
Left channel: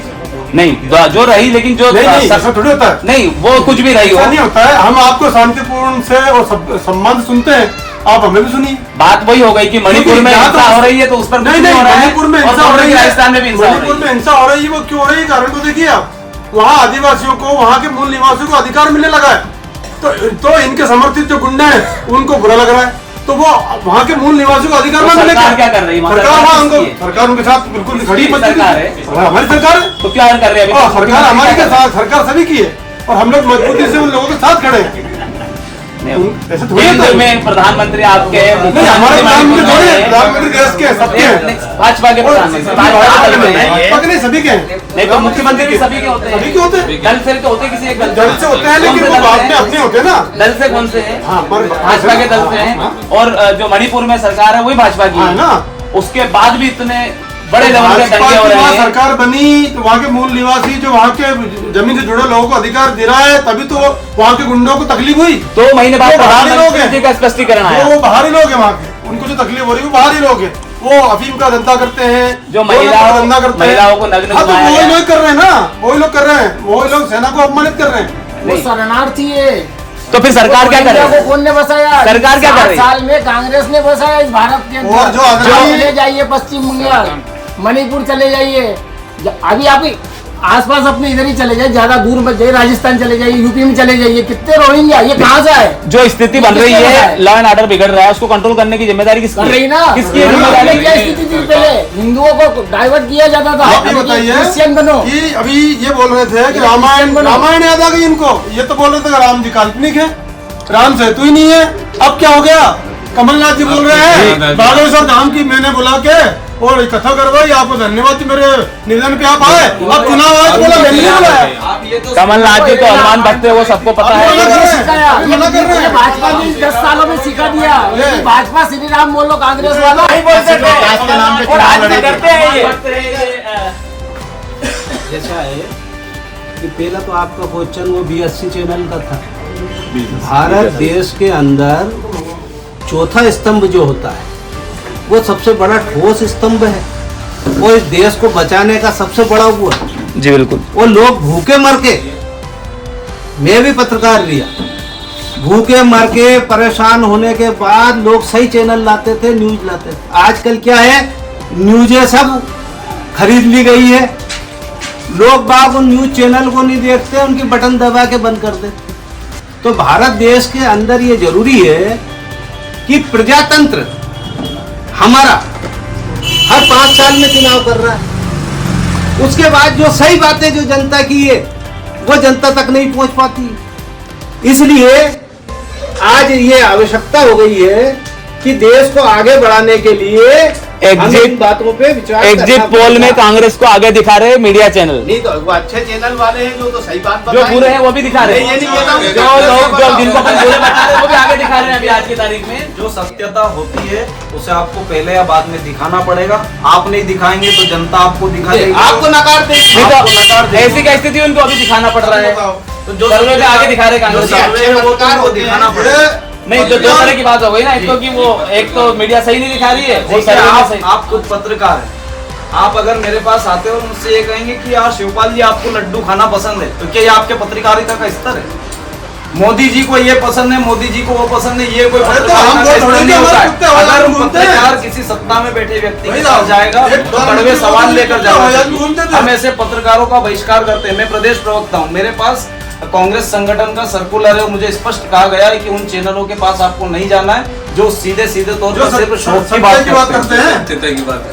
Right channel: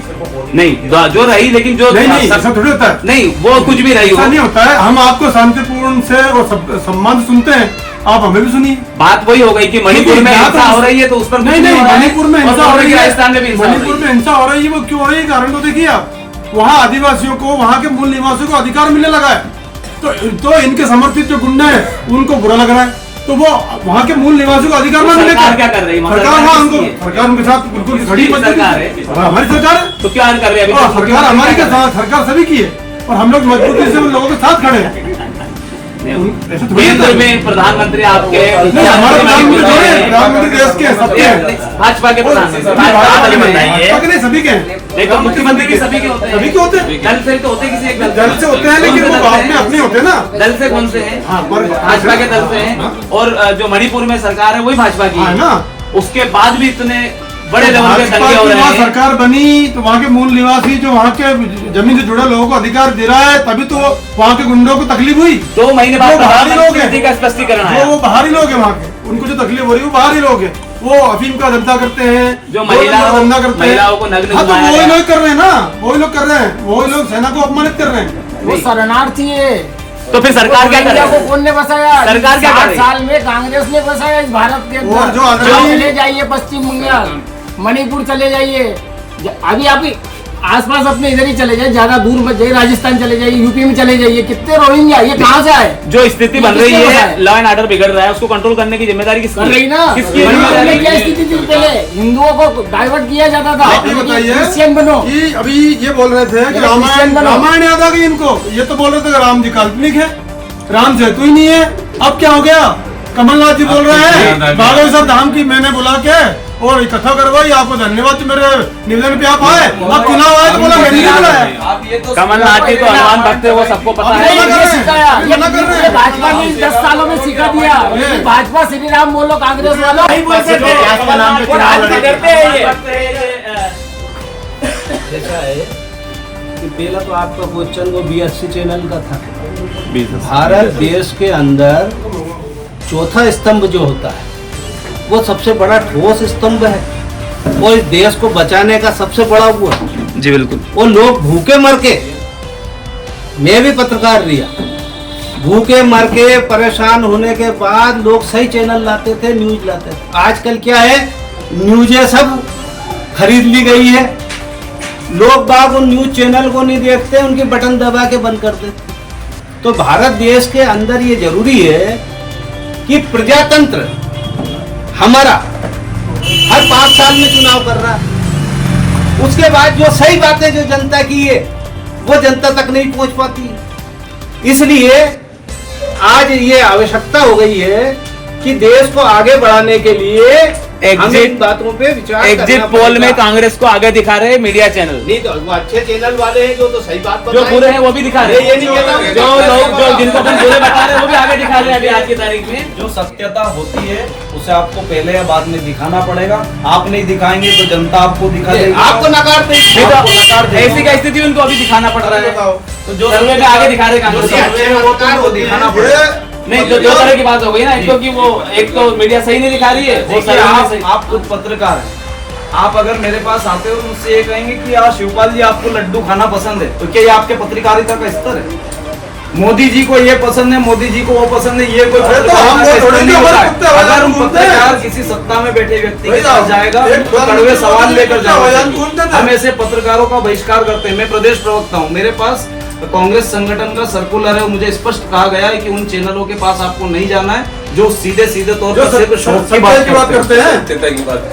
नहीं जो रही, लेकिन जो नहीं ऐसा थोड़ी होता है। नहीं, वो कुछ भी रही हो, नहीं होता है। हम आपको शांतिपूर्ण से और सम्मान सुनते हैं, आप हमें भी सुनिए। बात वही हो गई कि मणिपुर में हिंसा हो रही है तो उस पर नहीं, मणिपुर में हिंसा हो रही है, राजस्थान में भी मणिपुर में हिंसा हो रही है। वो क्यों हो रही है? कारण तो देखिए आप, वहाँ आदिवासियों को, वहाँ के मूल निवासियों को अधिकार मिलने लगा है, तो इनके समर्थित जो गुंडा है उनको बुरा लग रहा है, तो वो वहाँ के मूल निवासियों को अधिकार ना मिले। क्या कर रही है सरकार? उनके साथ बिल्कुल खड़ी है, हमारी सरकार है। तो क्या कर रही है सरकार? हमारी के साथ सरकार सभी की है और हम लोग मजबूती से उन लोगों के साथ खड़े हैं। ऐसा थोड़ी है केंद्र में प्रधानमंत्री आपके नहीं, हमारे प्रधानमंत्री थोड़े हैं, प्रधानमंत्री देश के सबके हैं, भाजपा के प्रधानमंत्री भाजपा के नहीं सभी के हैं, लेकिन मुख्यमंत्री भी सभी के होते हैं, सभी के होते हैं, दल से तो होते किसी एक दल से होते हैं, लेकिन वो बाद में अपने होते हैं ना। दल से कौन से हैं? हाँ, पर भाजपा के दल से हैं, और जो मणिपुर में सरकार है वही भाजपा की है ना। उसके बाद भी इतने बड़े लेवल पे भाजपा दंगे हो की रहे वहाँ हैं। सरकार बनी तो वहाँ के मूल निवासी जो वहाँ के जमीन से जुड़े लोगों को अधिकार दे रहा है, तभी तो वहाँ के गुंडों को तकलीफ हुई। 2 महीने बाद बाहरी लोग प्रधानमंत्री का स्पष्टीकरण आया। वो बाहरी लोग हैं वहाँ के, उनको जो तकलीफ हो रही है वो बाहरी लोग हैं, वो अफीम का धंधा करते हैं, जो दो नंबर का धंधा करते हैं, महिलाओं को नग्न हाँ तो घुमाया वही है। लोग कर रहे हैं ना, वही लोग कर रहे हैं, वही लोग सेना को अपमानित कर रहे हैं। वो शरणार्थी है। तो फिर सरकार क्या इंडिया करे? को कौन ने बसाया? सरकार क्या 60 करे? साल में कांग्रेस ने बसाया इस भारत के और जो अंदर। आजादी- चले जाइए पश्चिम बंगाल, मणिपुर चले जाइए, अभी आप ही आसपास अपने इधर ही चले जाइए, ज्यादा दूर मत जाइए, राजस्थान चले जाइए, यूपी में चले जाइए, कितने रोहिंग्या, ये कहाँ से आए? जो स्थिति बन रही है, लॉ एंड ऑर्डर बिगड़ रहा है, उसको कंट्रोल करने की जिम्मेदारी किसकी? कर रही ना। किसकी मणिपुर में क्या जिम्मेदारी? स्थिति थी पहले? हिंदुओं को डाइवर्ट किया जाता था, आप ये बताइए क्रिश्चियन बनो। कि अभी ये बोल रहे थे कि क्रिश्चियन बनो। रामायण याद आ गई इनको, ये तो बोल रहे थे कि राम जी काल्पनिक है, राम सेतु ही नहीं है। अब क्या हो गया? कमलनाथ जी बोल रहे हैं बागेश्वर धाम की मैंने बुला के और कथा करवाई, आपको धन्यवाद मेरे निवेदन पे आप आए, अब चुनाव आए तो बोला मैंने नहीं बुलाया। कमलनाथ जी तो हनुमान भक्त है, वो सबको पता है। ये भाजपा ने 10 सालों में सिखा दिया। ये भाजपा श्री राम बोलो, कांग्रेस वाला नहीं बोलते थे। और आज भी करते हैं ये। ऐसा है कि पहला तो आपका क्वेश्चन वो BSC चैनल का था। भारत देश के अंदर चौथा स्तंभ जो होता है वो सबसे बड़ा ठोस स्तंभ है, वो इस देश को बचाने का सबसे बड़ा वो है। जी बिल्कुल। वो लोग भूखे मर के, मैं भी पत्रकार रिया, भूखे मर के परेशान होने के बाद लोग सही चैनल लाते थे, न्यूज लाते थे। आजकल क्या है, न्यूज़ें सब खरीद ली गई है, लोग बाग उन न्यूज चैनल को नहीं देखते, उनकी बटन दबा के बंद कर देते। तो भारत देश के अंदर ये जरूरी है कि प्रजातंत्र हमारा हर 5 साल में चुनाव कर रहा है, उसके बाद जो सही बातें जो जनता की है वो जनता तक नहीं पहुंच पाती। इसलिए आज ये आवश्यकता हो गई है कि देश को आगे बढ़ाने के लिए हमें इन बातों पे विचार एग्जिट करना पोल में पड़ेगा। कांग्रेस को आगे दिखा रहे मीडिया चैनल, नहीं तो वो अच्छे चैनल वाले हैं जो तो सही बात जो बता बुरे हैं वो भी दिखा रहे हैं। ये नहीं कहता हूं। जो लोग जो जिनको अपन बुरे बता रहे हैं वो भी आगे दिखा रहे हैं अभी आज की तारीख में। जो सत्यता होती है उसे आपको पहले या बाद में दिखाना पड़ेगा। आप नहीं दिखाएंगे तो जनता आपको दिखा देगी। आपको नकार देंगे। नहीं तो ऐसी क्या स्थिति उनको अभी दिखाना पड़ रहा है, तो जो सर्वे में आगे दिखा रहे कांग्रेस। सर्वे है वो तो उनको दिखाना पड़ेगा। नहीं, जो 2 तरह की बात हो गई ना, एक तो कि वो एक तो मीडिया सही नहीं दिखा रही है, वो देखिए, सर्वे में सही। आप खुद पत्रकार हैं। आप अगर मेरे पास आते हो और मुझसे ये कहेंगे कि यार शिवपाल जी आपको लड्डू खाना पसंद है, तो क्या ये आपके पत्रकारिता का स्तर है? मोदी जी को ये पसंद है, मोदी जी को वो पसंद है, ये कोई पत्रकार का स्तर नहीं होता है। अगर हम पत्रकार किसी सत्ता में बैठे व्यक्ति के पास जाएगा तो कड़वे सवाल लेकर जाएगा। हम ऐसे पत्रकारों का बहिष्कार करते हैं। मैं प्रदेश प्रवक्ता हूँ, मेरे पास कांग्रेस संगठन का सर्कुलर है, मुझे स्पष्ट कहा गया है कि उन चैनलों के पास आपको नहीं जाना है जो सीधे तौर पर सिर्फ शोक की बात करते हैं।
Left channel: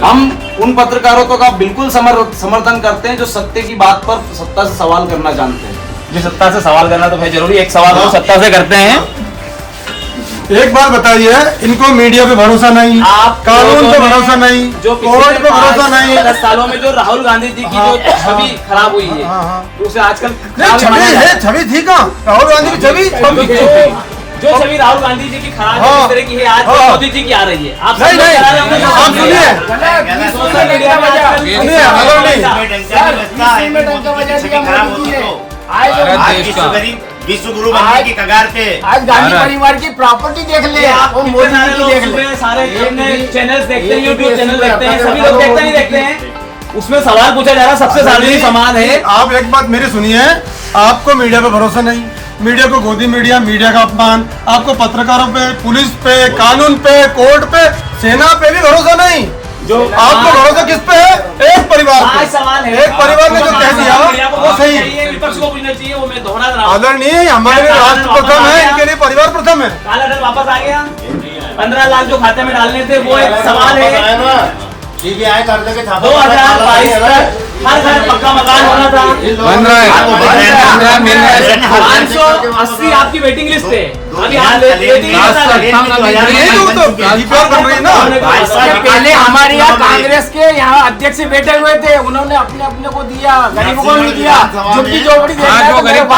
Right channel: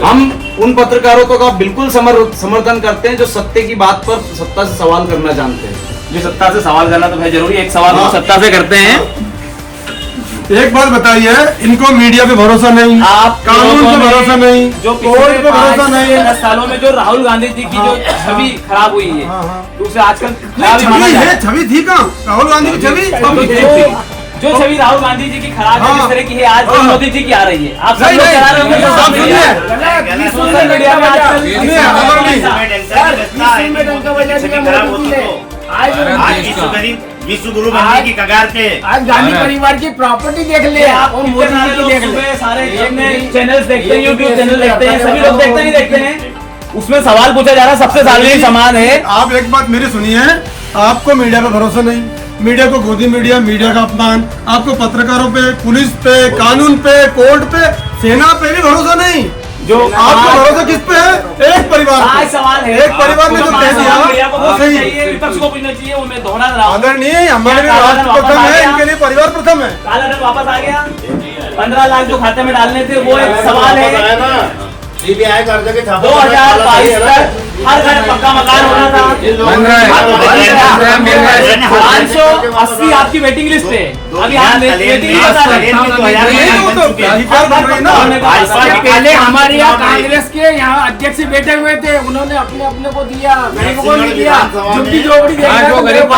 हम उन पत्रकारों का बिल्कुल समर्थन करते हैं जो सत्य की बात पर सत्ता से सवाल करना जानते हैं। जो सत्ता से सवाल करना तो भाई जरूरी, एक सवाल हम सत्ता से करते हैं। एक बात बताइए, इनको मीडिया पे भरोसा नहीं, कानून पे भरोसा नहीं, जो कोर्ट पे भरोसा नहीं। 10 सालों में जो राहुल गांधी जी की जो छवि खराब हुई है, तो उसे आजकल नहीं, छवि है, छवि थी कहाँ? राहुल गांधी की छवि जो छवि राहुल गांधी जी की खराब है, इस तरह की है, आज जो मोदी जी की आ रही है। आप सब लोग कह रहे हैं सोशल मीडिया में आज विश्व गुरु बनने की कगार पे। आज गांधी परिवार की प्रॉपर्टी देख ले और मोदी जी की देख ले। सारे चैनल देखते हैं, यूट्यूब चैनल देखते हैं, सभी लोग देखते नहीं देखते हैं। उसमें सवाल पूछा जा रहा है, सबसे सार्वजनिक सामान है। आप एक बात मेरी सुनिए, आपको मीडिया पे भरोसा नहीं, मीडिया को गोदी मीडिया, मीडिया का अपमान, आपको पत्रकारों पे, पुलिस पे, कानून पे, कोर्ट पे, सेना पे भी भरोसा नहीं। जो आपको भरोसा किस पे है? एक परिवार पे। सवाल है, एक परिवार में जो कह दिया वो सही है। विपक्ष को पूछना चाहिए, वो मैं दोहरा रहा हूं। आदरणीय, हमारे लिए राष्ट्र प्रथम है, इनके लिए परिवार प्रथम है। काला धन वापस आ गया, 15 लाख जो खाते में डालने थे वो एक सवाल है। 2022 तक हर घर पक्का मकान बना था, 580 आपकी वेटिंग लिस्ट पे, अभी आप वेटिंग लिस्ट पहले हमारे यहाँ कांग्रेस के यहाँ अध्यक्ष बैठे हुए थे, उन्होंने अपने अपने को दिया, गरीबों को नहीं दिया, झुग्गी झोपड़ी दे रहा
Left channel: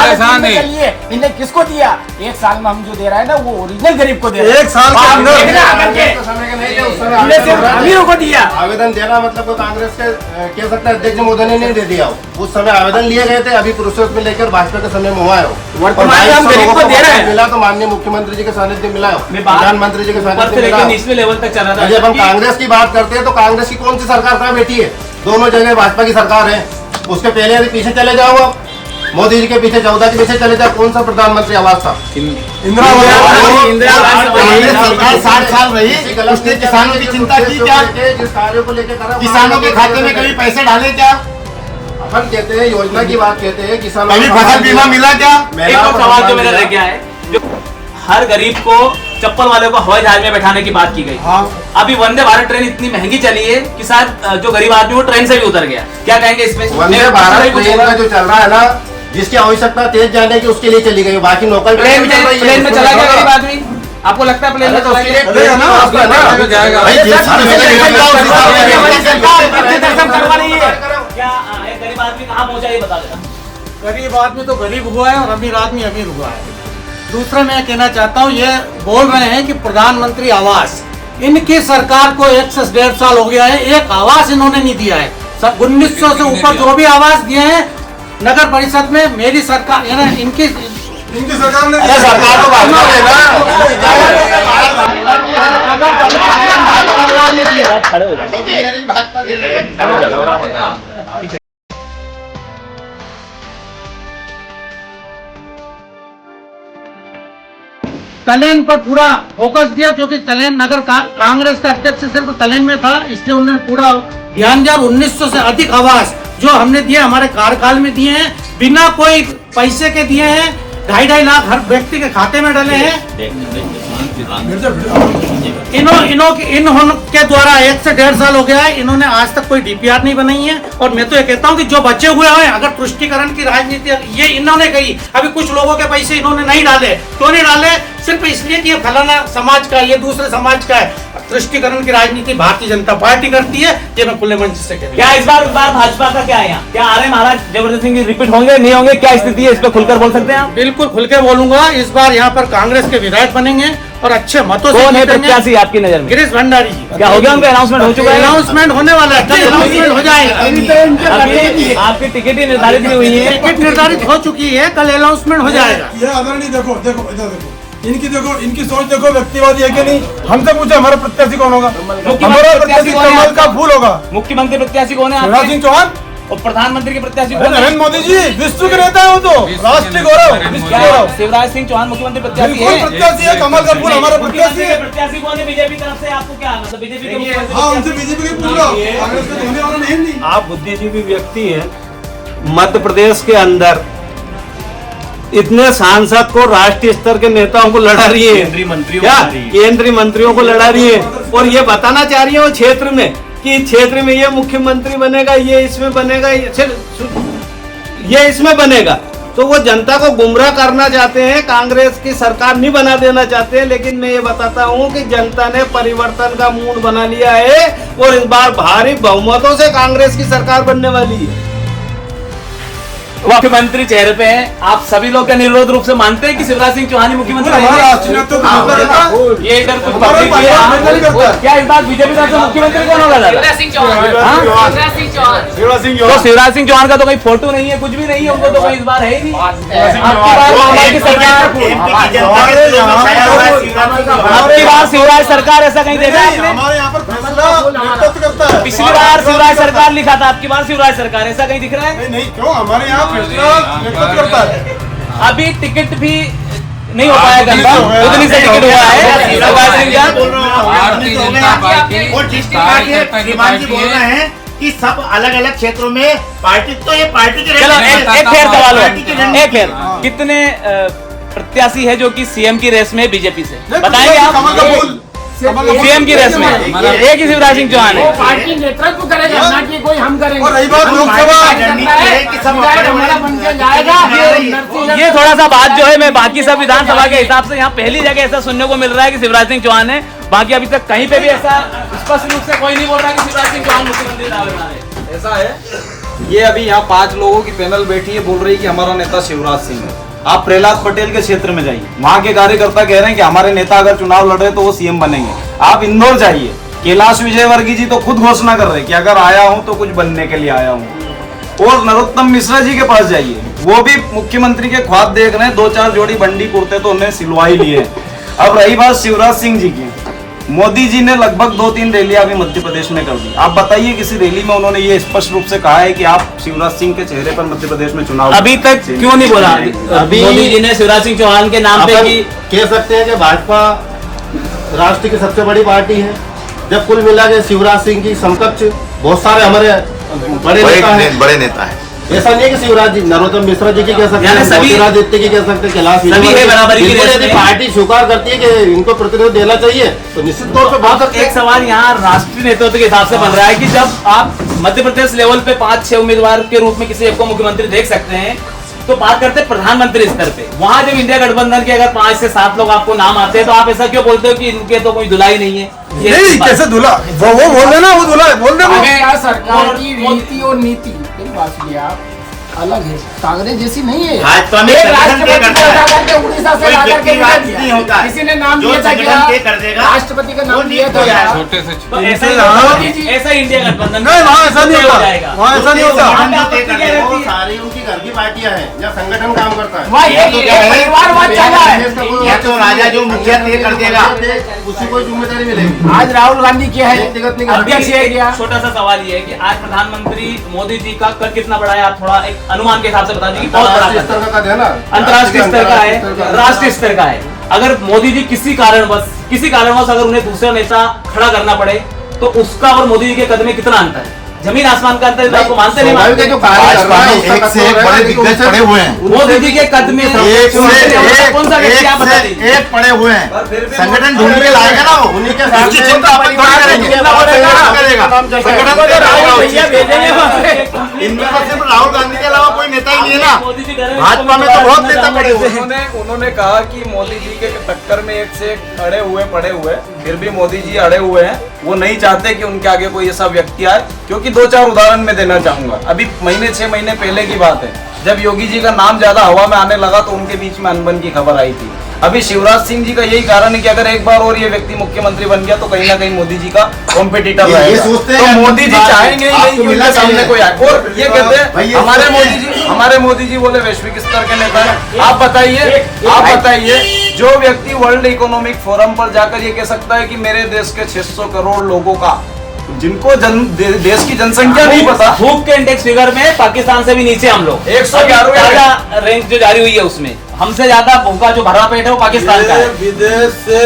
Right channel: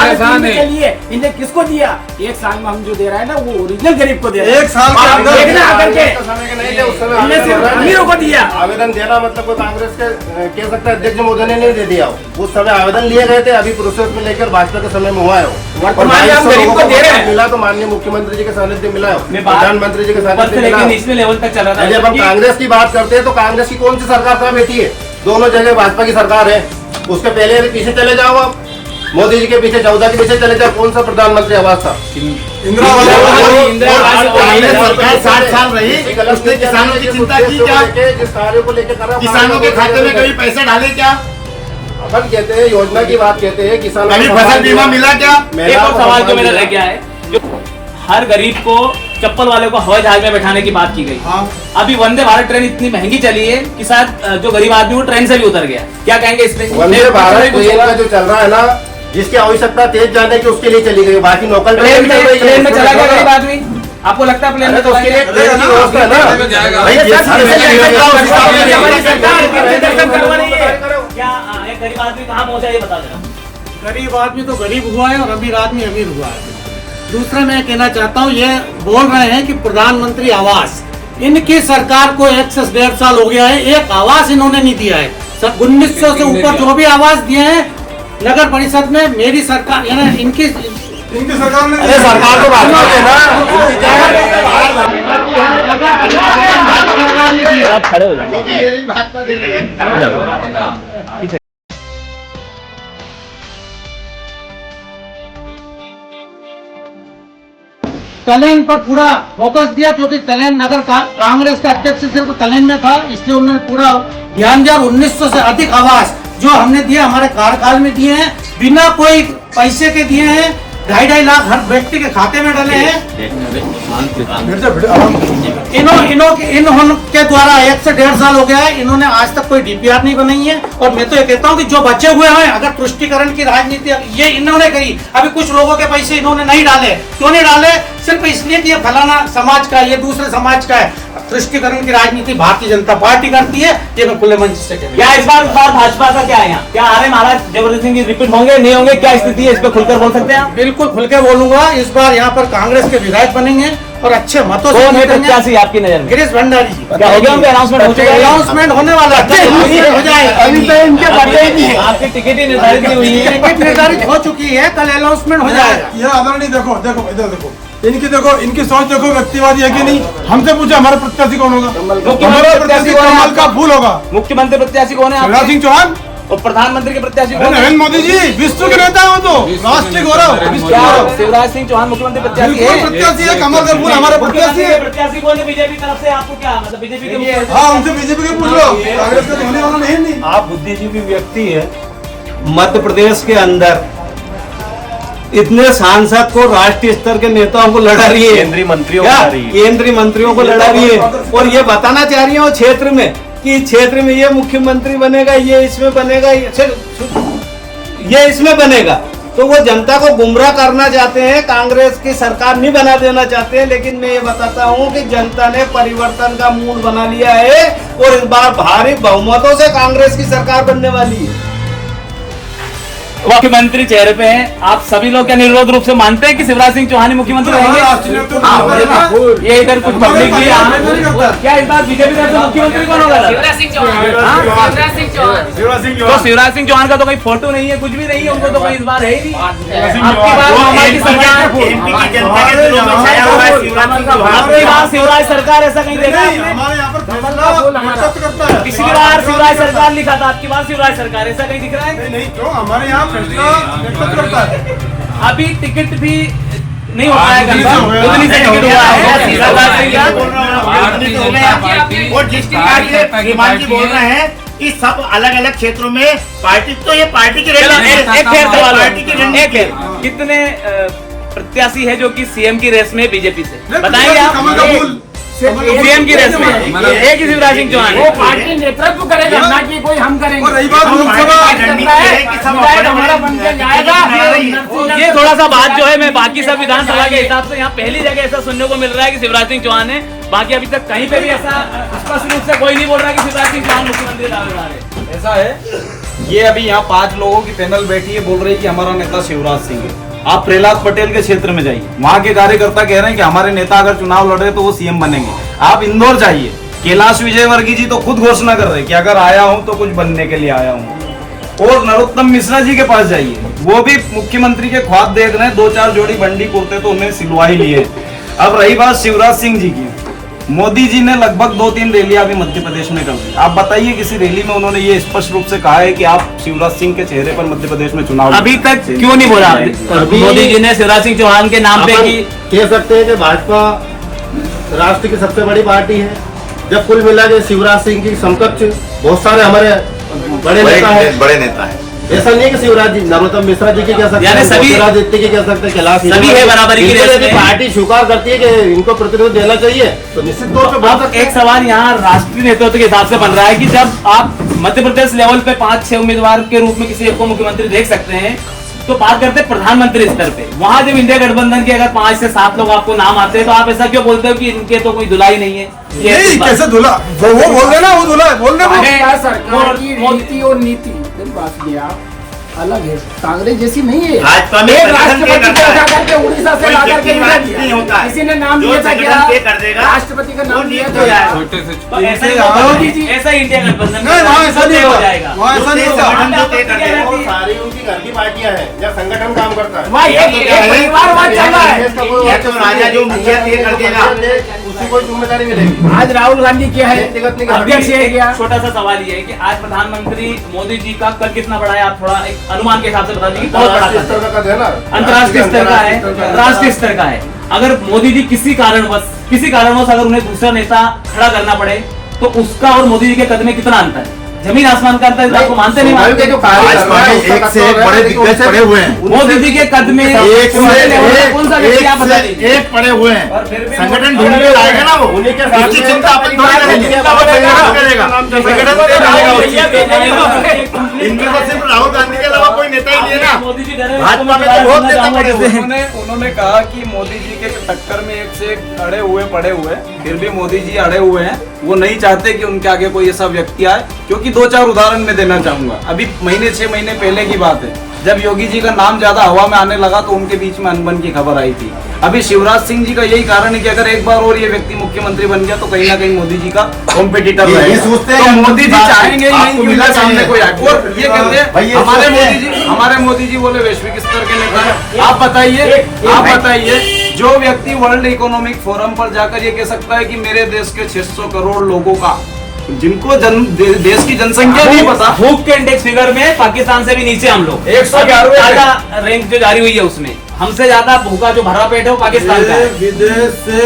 है लिए इन्हें किसको दिया? एक साल में हम जो दे रहा है ना वो ओरिजिनल गरीब को दे रहा है, एक साल को दिया। आवेदन देना मतलब वो कांग्रेस के कह सकते हैं अध्यक्ष महोदय ने नहीं दे दिया, उस समय आवेदन लिए गए थे, अभी प्रोसेस में लेकर भाजपा के समय में हुआ है, मिला तो माननीय मुख्यमंत्री जी के सानिध्य मिला है, प्रधानमंत्री जी के सानिध्य मिला। नेशनल लेवल तक चला था। जब हम कांग्रेस की बात करते हैं तो कांग्रेस की कौन सी सरकार कहाँ बैठी है? दोनों जगह भाजपा की सरकार है। उसके पहले पीछे चले जाओ, मोदी जी के पीछे 14 के पीछे चले जाओ, कौन सा प्रधानमंत्री आवास था? सरकार 60 साल रही, उसने किसानों की चिंता की क्या? जिस कार्य को लेकर किसानों के खाते में कभी पैसे डाले क्या? अपन कहते हैं योजना की बात कहते हैं, किसानों कभी फसल बीमा मिला क्या? एक और सवाल जो मेरा रह गया है, जो हर गरीब को चप्पल वाले को हवाई जहाज में बैठाने की बात की गई। अभी वंदे भारत ट्रेन इतनी महंगी चली है कि शायद जो गरीब आदमी वो ट्रेन से भी उतर गया, क्या कहेंगे इसमें? वंदे भारत ट्रेन का जो चल रहा है ना, जिसकी आवश्यकता तेज जाने की उसके लिए चली गई, बाकी लोकल प्लेन में चला गया गरीब आदमी? आपको लगता है प्लेन में चला गया? गरीब आदमी कहाँ पहुँचा ये बता देना। गरीब आदमी तो गरीब हुआ है और अमीर आदमी अमीर हुआ है। दूसरा मैं कहना चाहता हूँ, ये बोल रहे हैं कि प्रधानमंत्री आवास, इनकी सरकार को 1 से 1.5 साल हो गया है, एक आवास इन्होंने नहीं दिया है। सब 1900 से ऊपर जो भी आवास दिए हैं नगर परिषद में, मेरी सरकार इनकी सरकार ने, अरे सरकार तो भाजपा की है ना। तलेन पर पूरा फोकस दिया, क्योंकि तलेन नगर का कांग्रेस का अध्यक्ष सिर्फ तलेन में था, इसलिए उन्होंने पूरा ध्यान दिया। 1900 से अधिक आवास जो हमने दिए हमारे कार्यकाल में दिए हैं, बिना कोई पैसे के दिए हैं, 2.5 लाख हर व्यक्ति के खाते में डाले हैं। इनके द्वारा 1 से 1.5 साल हो गया है, इन्होंने आज तक कोई डीपीआर नहीं बनाई है। और मैं तो ये कहता हूँ कि जो बचे हुए हैं, अगर तुष्टिकरण की राजनीति ये इन्होंने करी, अभी कुछ लोगों के पैसे इन्होंने नहीं डाले, क्यों नहीं डाले? सिर्फ इसलिए कि ये फलाना समाज का, ये दूसरे समाज का है। तुष्टिकरण की राजनीति भारतीय जनता पार्टी करती है, ये मैं खुले मंच से कहता हूं। क्या इस बार भाजपा का क्या है यहाँ? क्या आर्य महाराज जबरदस्त सिंह रिपीट होंगे, नहीं होंगे? क्या स्थिति है, इस पे खुलकर बोल सकते हैं? बिल्कुल खुल के बोलूंगा। इस बार यहाँ पर कांग्रेस के विधायक बनेंगे और अच्छे मतों से प्रत्याशी आपकी नजर में? गिरीश भंडारी जी। क्या हो गया? उनका अनाउंसमेंट हो चुका है? अनाउंसमेंट होने वाला है, हो जाएगा। आपकी टिकट ही निर्धारित नहीं हुई है? टिकट निर्धारित हो चुकी है, कल अनाउंसमेंट हो जाएगा। ये आदरणीय देखो देखो इधर देखो, इनकी सोच देखो व्यक्तिवादी है कि नहीं। हमसे पूछा हमारा प्रत्याशी कौन होगा? हमारा प्रत्याशी कमल का फूल होगा। मुख्यमंत्री प्रत्याशी कौन है? शिवराज सिंह चौहान। और प्रधानमंत्री के प्रत्याशी कौन है? नरेंद्र मोदी जी, विश्व के नेता है वो तो, राष्ट्रीय गौरव, विश्व गौरव। शिवराज सिंह चौहान मुख्यमंत्री प्रत्याशी बिल्कुल प्रत्याशी है, कमल का फूल हमारा प्रत्याशी है। प्रत्याशी कौन है बीजेपी तरफ से? आपको क्या मतलब बीजेपी के? हाँ, उनसे बीजेपी की पूछ लो, कांग्रेस के झंडे वाला नहीं। आप बुद्धिजीवी व्यक्ति हैं। मध्य प्रदेश के अंदर इतने सांसद को राष्ट्रीय स्तर के नेताओं को लड़ा रही है, केंद्रीय मंत्रियों को लड़ा रही है, और ये बताना चाह रही है क्षेत्र में कि क्षेत्र में ये मुख्यमंत्री बनेगा, ये इसमें बनेगा, ये इसमें बनेगा। तो वो जनता को गुमराह करना चाहते हैं, कांग्रेस की सरकार नहीं बना देना चाहते हैं। लेकिन मैं ये बताता हूँ कि जनता ने परिवर्तन का मूड बना लिया है और इस बार भारी बहुमतों से कांग्रेस की सरकार बनने वाली है। मुख्यमंत्री चेहरे पे हैं, आप सभी लोग क्या निर्विरोध रूप से मानते हैं कि शिवराज सिंह चौहान ही मुख्यमंत्री होंगे? ये इधर कुछ पब्लिक है, क्या इस बार बीजेपी तरफ से मुख्यमंत्री कौन होगा? शिवराज सिंह चौहान का तो कोई फोटो नहीं है, कुछ भी नहीं है, उनको तो कोई इस बार है ही नहीं। शिवराज सरकार ऐसा कहीं देखा है? पिछली बार शिवराज सरकार लिखा था, आपकी बार शिवराज सरकार, ऐसा कहीं दिख रहा है? नहीं, क्यों? हमारे यहाँ फैसला नेतृत्व करता है। अभी टिकट भी नहीं हो पाएगा, और जिस प्रकार से श्रीमान जी बोल रहे हैं कि सब अलग अलग क्षेत्रों में पार्टी, तो ये पार्टी की कितने प्रत्याशी है जो कि सीएम की रेस में बीजेपी से? बताएंगे आप? सीएम की रेस में एक ही शिवराज सिंह चौहान वो पार्टी नेतृत्व करेगा, ना कि कोई हम करेंगे। रही बात हमारा बन के जाएगा। ये थोड़ा सा बात जो है मैं बाकी सब विधानसभा के हिसाब से यहाँ पहली जगह ऐसा सुनने को मिल रहा है कि शिवराज सिंह चौहान है, बाकी अभी तक कहीं पे भी ऐसा स्पष्ट रूप से कोई नहीं बोल रहा कि शिवराज सिंह चौहान मुख्यमंत्री दावेदार है। ऐसा है, ये अभी यहाँ 5 लोगों की पैनल बैठी है, बोल रही है कि हमारा नेता शिवराज सिंह है। आप प्रहलाद पटेल के क्षेत्र में जाइए, वहाँ के कार्यकर्ता कह रहे हैं कि हमारे नेता अगर चुनाव लड़ रहे तो वो सीएम बनेंगे। आप इंदौर जाइए, कैलाश विजयवर्गीय जी तो खुद घोषणा कर रहे हैं कि अगर आया हूँ तो कुछ बनने के लिए आया हूँ। और नरोत्तम मिश्रा जी के पास जाइए, वो भी मुख्यमंत्री के ख्वाब देख रहे हैं, 2-4 जोड़ी बंडी कुर्ते तो उन्हें सिलवा ही लिए। अब रही बात शिवराज सिंह जी की, मोदी जी ने लगभग 2-3 रैलियां अभी मध्य प्रदेश में कर दी। आप बताइए किसी रैली में उन्होंने ये स्पष्ट रूप से कहा है कि आप शिवराज सिंह के चेहरे पर मध्य प्रदेश में चुनाव अभी तक क्यों नहीं बोला? अभी मोदी जी ने शिवराज सिंह चौहान के नाम पे कह सकते हैं कि भाजपा राष्ट्र की सबसे बड़ी पार्टी है। जब कुल मिला के शिवराज सिंह की समकक्ष बहुत सारे हमारे बड़े नेता है। ऐसा नहीं है कि शिवराज जी, नरोत्तम मिश्रा जी की कह सकते हैं, ज्योतिरादित्य की कह सकते हैं, कैलाश विजयवर्गीय। पार्टी स्वीकार करती है कि इनको प्रतिनिधित्व देना चाहिए तो निश्चित तौर पर बात। एक सवाल यहाँ राष्ट्रीय नेतृत्व के हिसाब से बन रहा है कि जब आप मध्य प्रदेश लेवल पे 5-6 उम्मीदवार के रूप में किसी एक को मुख्यमंत्री देख सकते हैं, तो बात करते हैं प्रधानमंत्री स्तर पे। वहां जब इंडिया गठबंधन के अगर 5 से 7 लोग आपको नाम आते हैं तो आप ऐसा क्यों बोलते हो कि इनके तो कोई धुलाई नहीं है? कैसे धुला? वो बोल रहे ना, वो धुला बोल रहे। सरकार की रीति और नीति अलग है, कांग्रेस जैसी नहीं है। भाजपा में एक राष्ट्रपति को उठा करके उड़ीसा से ला करके नहीं होगा, किसी ने नाम दिया था क्या? राष्ट्रपति का नाम दिया था यार। ऐसा इंडिया गठबंधन नहीं, वहाँ ऐसा नहीं हो जाएगा, वहाँ ऐसा नहीं होगा। सारी उनकी घर की पार्टियां हैं या संगठन काम करता है। परिवारवाद चला है, तो राजा जो मुखिया तय कर देगा उसी को जिम्मेदारी मिलेगी। आज राहुल गांधी क्या है? अध्यक्ष है। छोटा सा सवाल ये है कि आज प्रधानमंत्री मोदी जी का कद कितना बड़ा है? आप थोड़ा एक अनुमान के हिसाब से बता दीजिए। बहुत बड़ा अंतर्राष्ट्रीय स्तर का है, राष्ट्रीय स्तर का है। अगर मोदी जी किसी कारणवश अगर उन्हें दूसरा नेता खड़ा करना पड़े तो उसका और मोदी जी के कद में कितना अंतर है? जमीन आसमान का अंतर आपको मानते नहीं मानते? एक से एक बड़े दिग्गज पड़े हुए हैं मोदी जी के कद में कौन सा व्यक्ति आप बता दीजिए? एक पड़े हुए हैं, संगठन ढूंढ के लाएगा ना, वो उन्हीं के साथ चिंता अपन थोड़ी करेंगे, संगठन करेगा। इनमें तो सिर्फ राहुल गांधी के अलावा कोई नेता ही नहीं है ना। भाजपा में तो बहुत नेता पड़े हुए हैं। उन्होंने कहा कि मोदी जी के टक्कर में एक से एक अड़े हुए पड़े हुए, फिर भी मोदी जी अड़े हुए हैं। वो नहीं चाहते कि उनके आगे कोई ऐसा व्यक्ति आए, क्योंकि 2-4 उदाहरण मैं देना चाहूंगा। अभी 6 महीने पहले की बात है, जब योगी जी का नाम ज्यादा हवा में आने लगा तो उनके बीच में अनबन की खबर आई थी। अभी शिवराज सिंह जी का यही कारण है कि अगर एक बार और ये व्यक्ति मुख्यमंत्री बन गया तो कहीं ना कहीं मोदी जी का कॉम्पिटिटर रहेगा। तो मोदी जी चाहेंगे नहीं कि उनके सामने कोई आए। और ये कहते हैं हमारे मोदी जी बोले वैश्विक स्तर के नेता हैं। आप बताइए जो व्यक्ति वर्ल्ड इकोनॉमिक फोरम पर जाकर ये कह सकता है कि मेरे देश के 600 करोड़ लोगों का, जिनको देश की जनसंख्या नहीं पता, भूख के इंडेक्स फिगर में पाकिस्तान से भी नीचे हम लोग 111 रेंज जो जारी हुई है उसमें हमसे ज्यादा भूखा जो भरा पेट है वो पाकिस्तान का है। विदेश से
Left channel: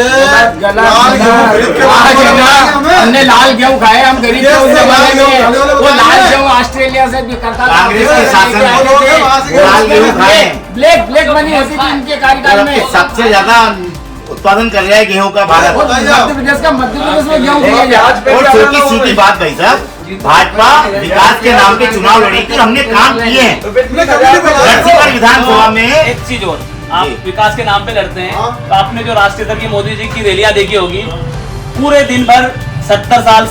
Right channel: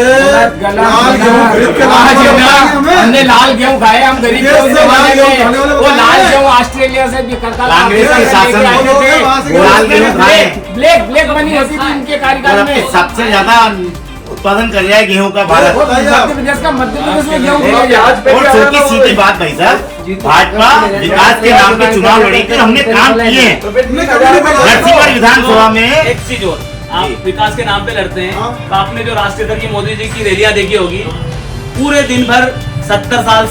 हमने लाल गेहूं खाए, हम गरीब वो लाल गेहूं ऑस्ट्रेलिया से भी ब्लैक मनी होती थी इनके कार्यकाल में। सबसे ज्यादा उत्पादन कर रहा है गेहूं का भारत। मध्य प्रदेश में गेहूं। और छोटी सीधी बात भाई साहब, भाजपा विकास के नाम पे चुनाव लड़ी थी, हमने काम किए हैं। विधानसभा में एक चीज और, आप विकास के नाम पे लड़ते हैं तो आपने जो राष्ट्रीय स्तर की मोदी जी की रैलियां देखी होगी, पूरे दिन भर 70 साल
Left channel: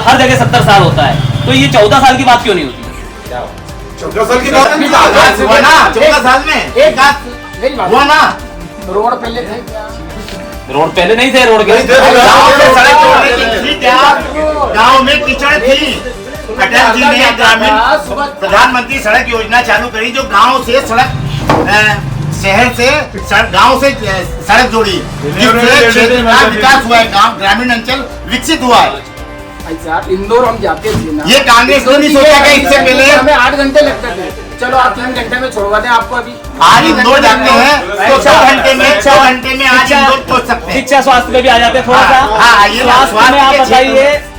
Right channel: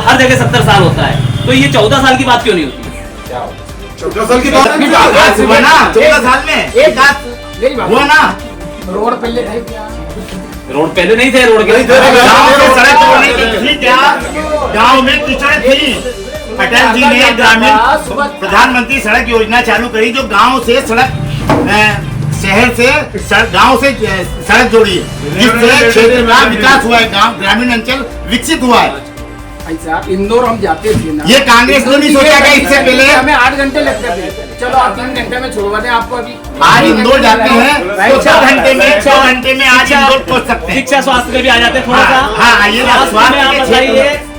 हर जगह 70 साल होता है, तो ये 14 साल की बात क्यों नहीं होती? 14 साल की बात हुआ ना, 14 साल में हुआ ना। रोड पहले थे, रोड पहले नहीं थे, रोड के गाँव में कीचड़ थी। अटल जी ने ग्रामीण प्रधानमंत्री सड़क योजना चालू करी, जो गांव से सड़क शहर से गांव से सड़क जोड़ी, जिससे क्षेत्र में विकास हुआ है, गांव ग्रामीण अंचल विकसित हुआ है। इंदौर हम जाते थे ना, ये कांग्रेस ने नहीं सोचा कि इससे पहले हमें 8 घंटे लगते थे। चलो आप 3 घंटे में छोड़वा दें आपको। अभी आज इंदौर जाते हैं तो 6 घंटे में आज इंदौर पहुंच सकते हैं। शिक्षा स्वास्थ्य में भी आ जाते हैं थोड़ा सा। हाँ, ये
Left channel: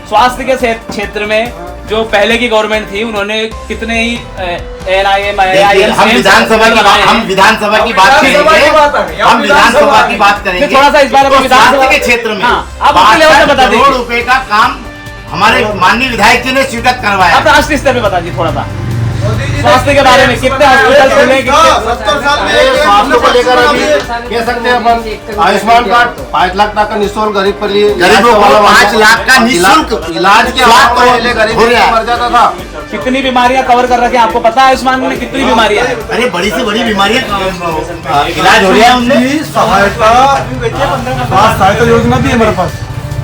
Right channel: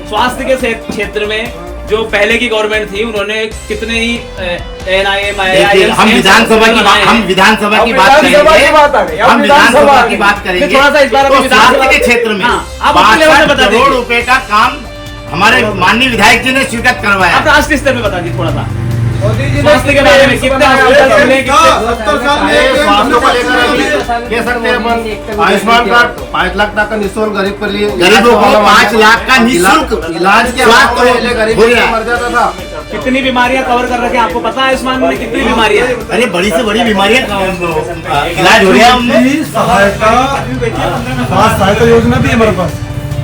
स्वास्थ्य के क्षेत्र में जो पहले की गवर्नमेंट थी उन्होंने कितने ही देखिए, हम विधानसभा की बात करेंगे थोड़ा सा इस बार तो स्वास्थ्य के क्षेत्र में 62 करोड़ रुपए का काम हमारे माननीय विधायक जी ने स्वीकृत करवाया। आप राष्ट्रीय स्तर पे बता दीजिए थोड़ा सा स्वास्थ्य के बारे में, कितने हॉस्पिटल खुले, 70 साल में स्वास्थ्य को लेकर अभी कह सकते हैं अपन आयुष्मान कार्ड 5 लाख तक का निःशुल्क गरीब पर लिए गरीबों को 5 लाख का निःशुल्क इलाज के पहले गरीब मर जाता था। कितनी बीमारियां कवर कर रखे हैं आपको पता है आयुष्मान में कितनी बीमारियां? अरे बड़ी से बड़ी बीमारियां इलाज हो रही है। हमने सहायता योजना भी है हमारे पास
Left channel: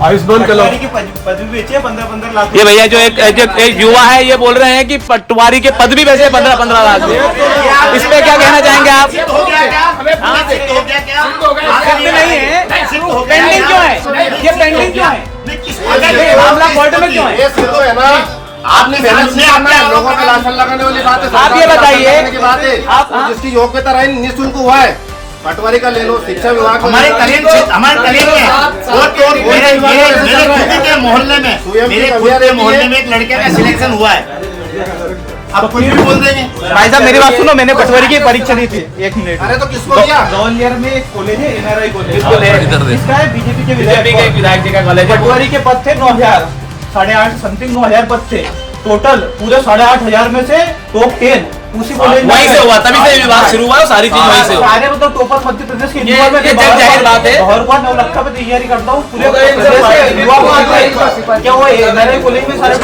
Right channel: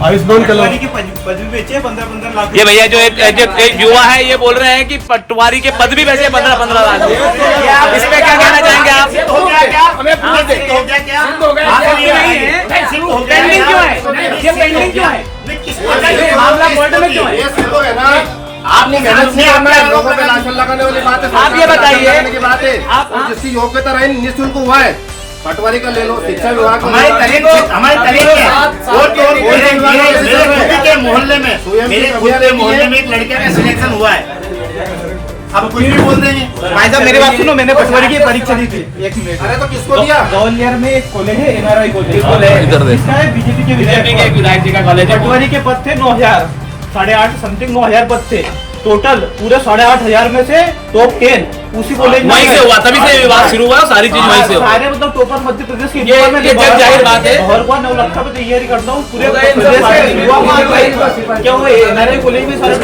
आयुष्मान का लाभ। पद भी बेचे 15-15 लाख। ये भैया जो एक युवा है ये बोल रहे हैं कि पटवारी के पद भी वैसे 15-15 लाख। इस पे क्या कहना चाहेंगे आप? पेंडिंग क्यों है? ये पेंडिंग क्यों है? मामला कोर्ट में क्यों है? आपने मेहनत नहीं करना है, लोगों पे राशन लगाने वाली बात है। आप ये बताइए की बात है और जिसकी योग्यता रही निःशुल्क हुआ है पटवारी का ले लो, शिक्षा विभाग हमारे मोहल्ले में एक लड़के का सिलेक्शन हुआ है। अब कोई भी बोल देंगे। भाई साहब मेरी बात सुनो, मैंने पटवारी की परीक्षा दी थी 1 मिनट। अरे तो किसको दिया? ग्वालियर में एक कॉलेज है NRI कॉलेज, इसका है बीजेपी के विधायक जी का कॉलेज। पटवारी के पद थे 9,000, 8.5 समथिंग 9,000 पद थे टोटल। पूरे 8,500 में से टॉप 10 उसी कॉलेज में वहीं से हुआ, तभी से विवाद शुरू हुआ, सारी चीज वहीं से हुआ। सारे मतलब टॉपर मध्य प्रदेश के ये जाहिर बात है। और 9 लाख पे तैयारी करता हूँ पूरे प्रदेश के युवा को आते हैं। क्या हुआ NRI कॉलेज में सारे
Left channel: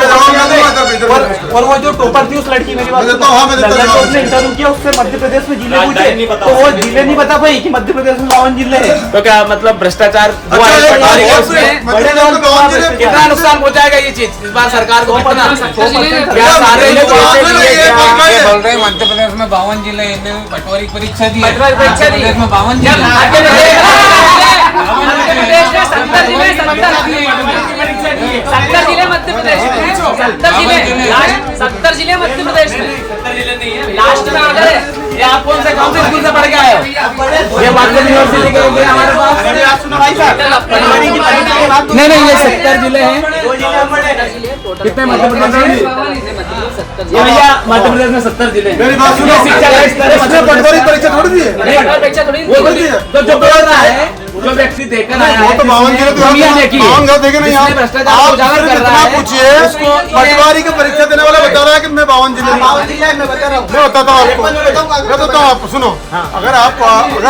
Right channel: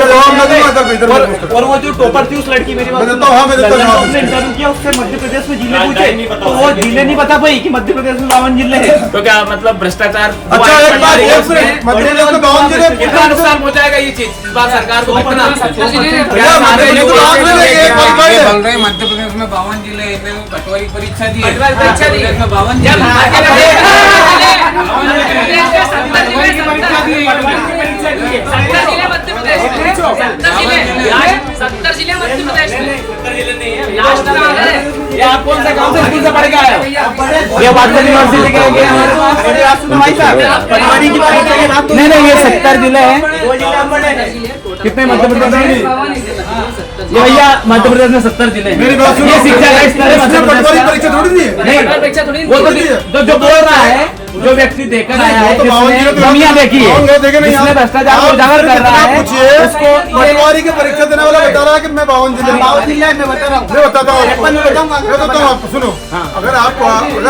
और वो जो टॉपर थी उस लड़की, मेरी बात उसने इंटरव्यू किया, उससे मध्य प्रदेश में जिले पूछे तो वो जिले नहीं बता पाई कि मध्य प्रदेश में 52 जिले हैं। तो क्या मतलब भ्रष्टाचार कितना नुकसान पहुंचाएगा ये चीज इस बार सरकार को? मध्य प्रदेश में 52 जिले, पटवारी परीक्षा दी है प्रदेश में 52 जिले। मध्य प्रदेश में 70 जिले मध्य प्रदेश में 70 जिले नहीं है। ये आप कौन से स्कूल से पढ़ के आए? ये बात यूनिवर्सिटी के हो गया हमारे पास। नहीं ये 70 जिले हैं। कितने मध्य प्रदेश में? ये भैया मध्य प्रदेश में 70 जिले। मेरी बात सुनो, शिक्षा का स्तर पटवारी परीक्षा थोड़ी दी है। नहीं जो बोल रहा है, जो व्यक्ति देखकर आया है, तो 52 जिले तो दुनिया देखिए, देखे नहीं आप भ्रष्टाचार को उजागर कर रहा है, पूछिए उसको। पटवारी की परीक्षा देने वाला बता रहा है कि मैं 52 जिले मैं बताता हूँ। मैं बताता हूँ आपको, सुनो। अगर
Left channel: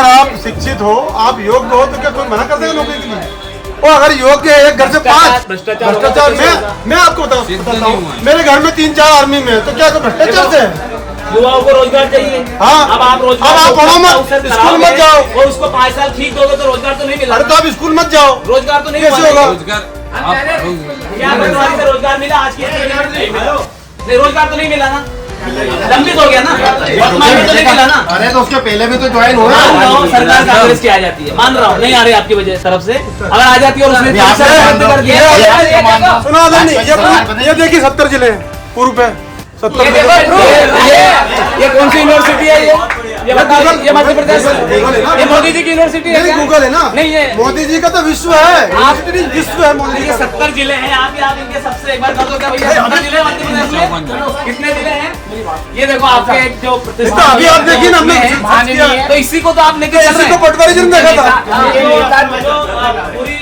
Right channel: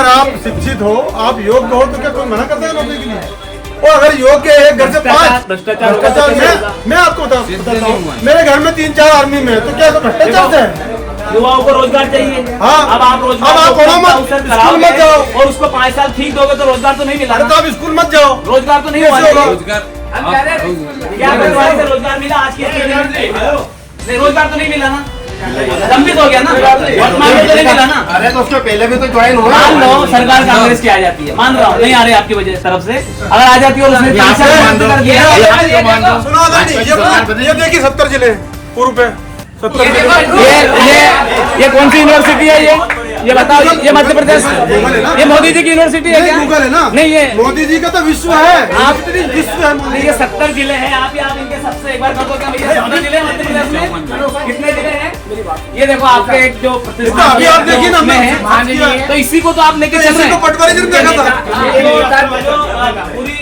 आप शिक्षित हो, आप योग्य हो, तो क्या कोई मना कर देगा नौकरी के लिए? और अगर योग्य है घर से 5 भ्रष्टाचार मैं आपको बताऊँ, मेरे घर में 3-4 आर्मी में, तो क्या भ्रष्टाचार है? युवाओं को रोजगार चाहिए। हाँ, अब आप रोजगार आप पढ़ो मत, स्कूल मत जाओ और उसको 5 साल फीस दोगे तो रोजगार तो नहीं मिला। तो आप स्कूल मत जाओ, रोजगार तो नहीं कैसे होगा? रोजगार मिला आज की रोजगार तो नहीं मिला ना, लंबित हो गया ना, वर्तमान में तो नहीं मिला ना। अरे तो उसके पहले भी तो ज्वाइन हुआ। मान लो सरकार कांग्रेस की आ जाती है, मान रहा हूँ नहीं आ रही आपकी वजह तरफ से, अगर आ जाती है और उसने कर दिया। सुनो ये देखिए 70 जिले पूर्व पे 70। ये कौन सी यूनिवर्सिटी है? ये बताओ, ये मध्य प्रदेश ये मोदी जी की यूनिवर्सिटी है? गूगल है ना? नहीं ये मोदी जी का तो विश्व है, आप विश्व है मोदी। ये 70 जिले हैं। आप इनके सबसे एक बार कर दो क्या भैया? 70 जिले मध्य प्रदेश में कितने जिले हैं? ये देखो आपके एक जो प्रतिष्ठा अभी आप देखिए ना, में है, तो इसी को तो आप लेके चल रहे हैं। पटवारी जी ने देखा था पूरी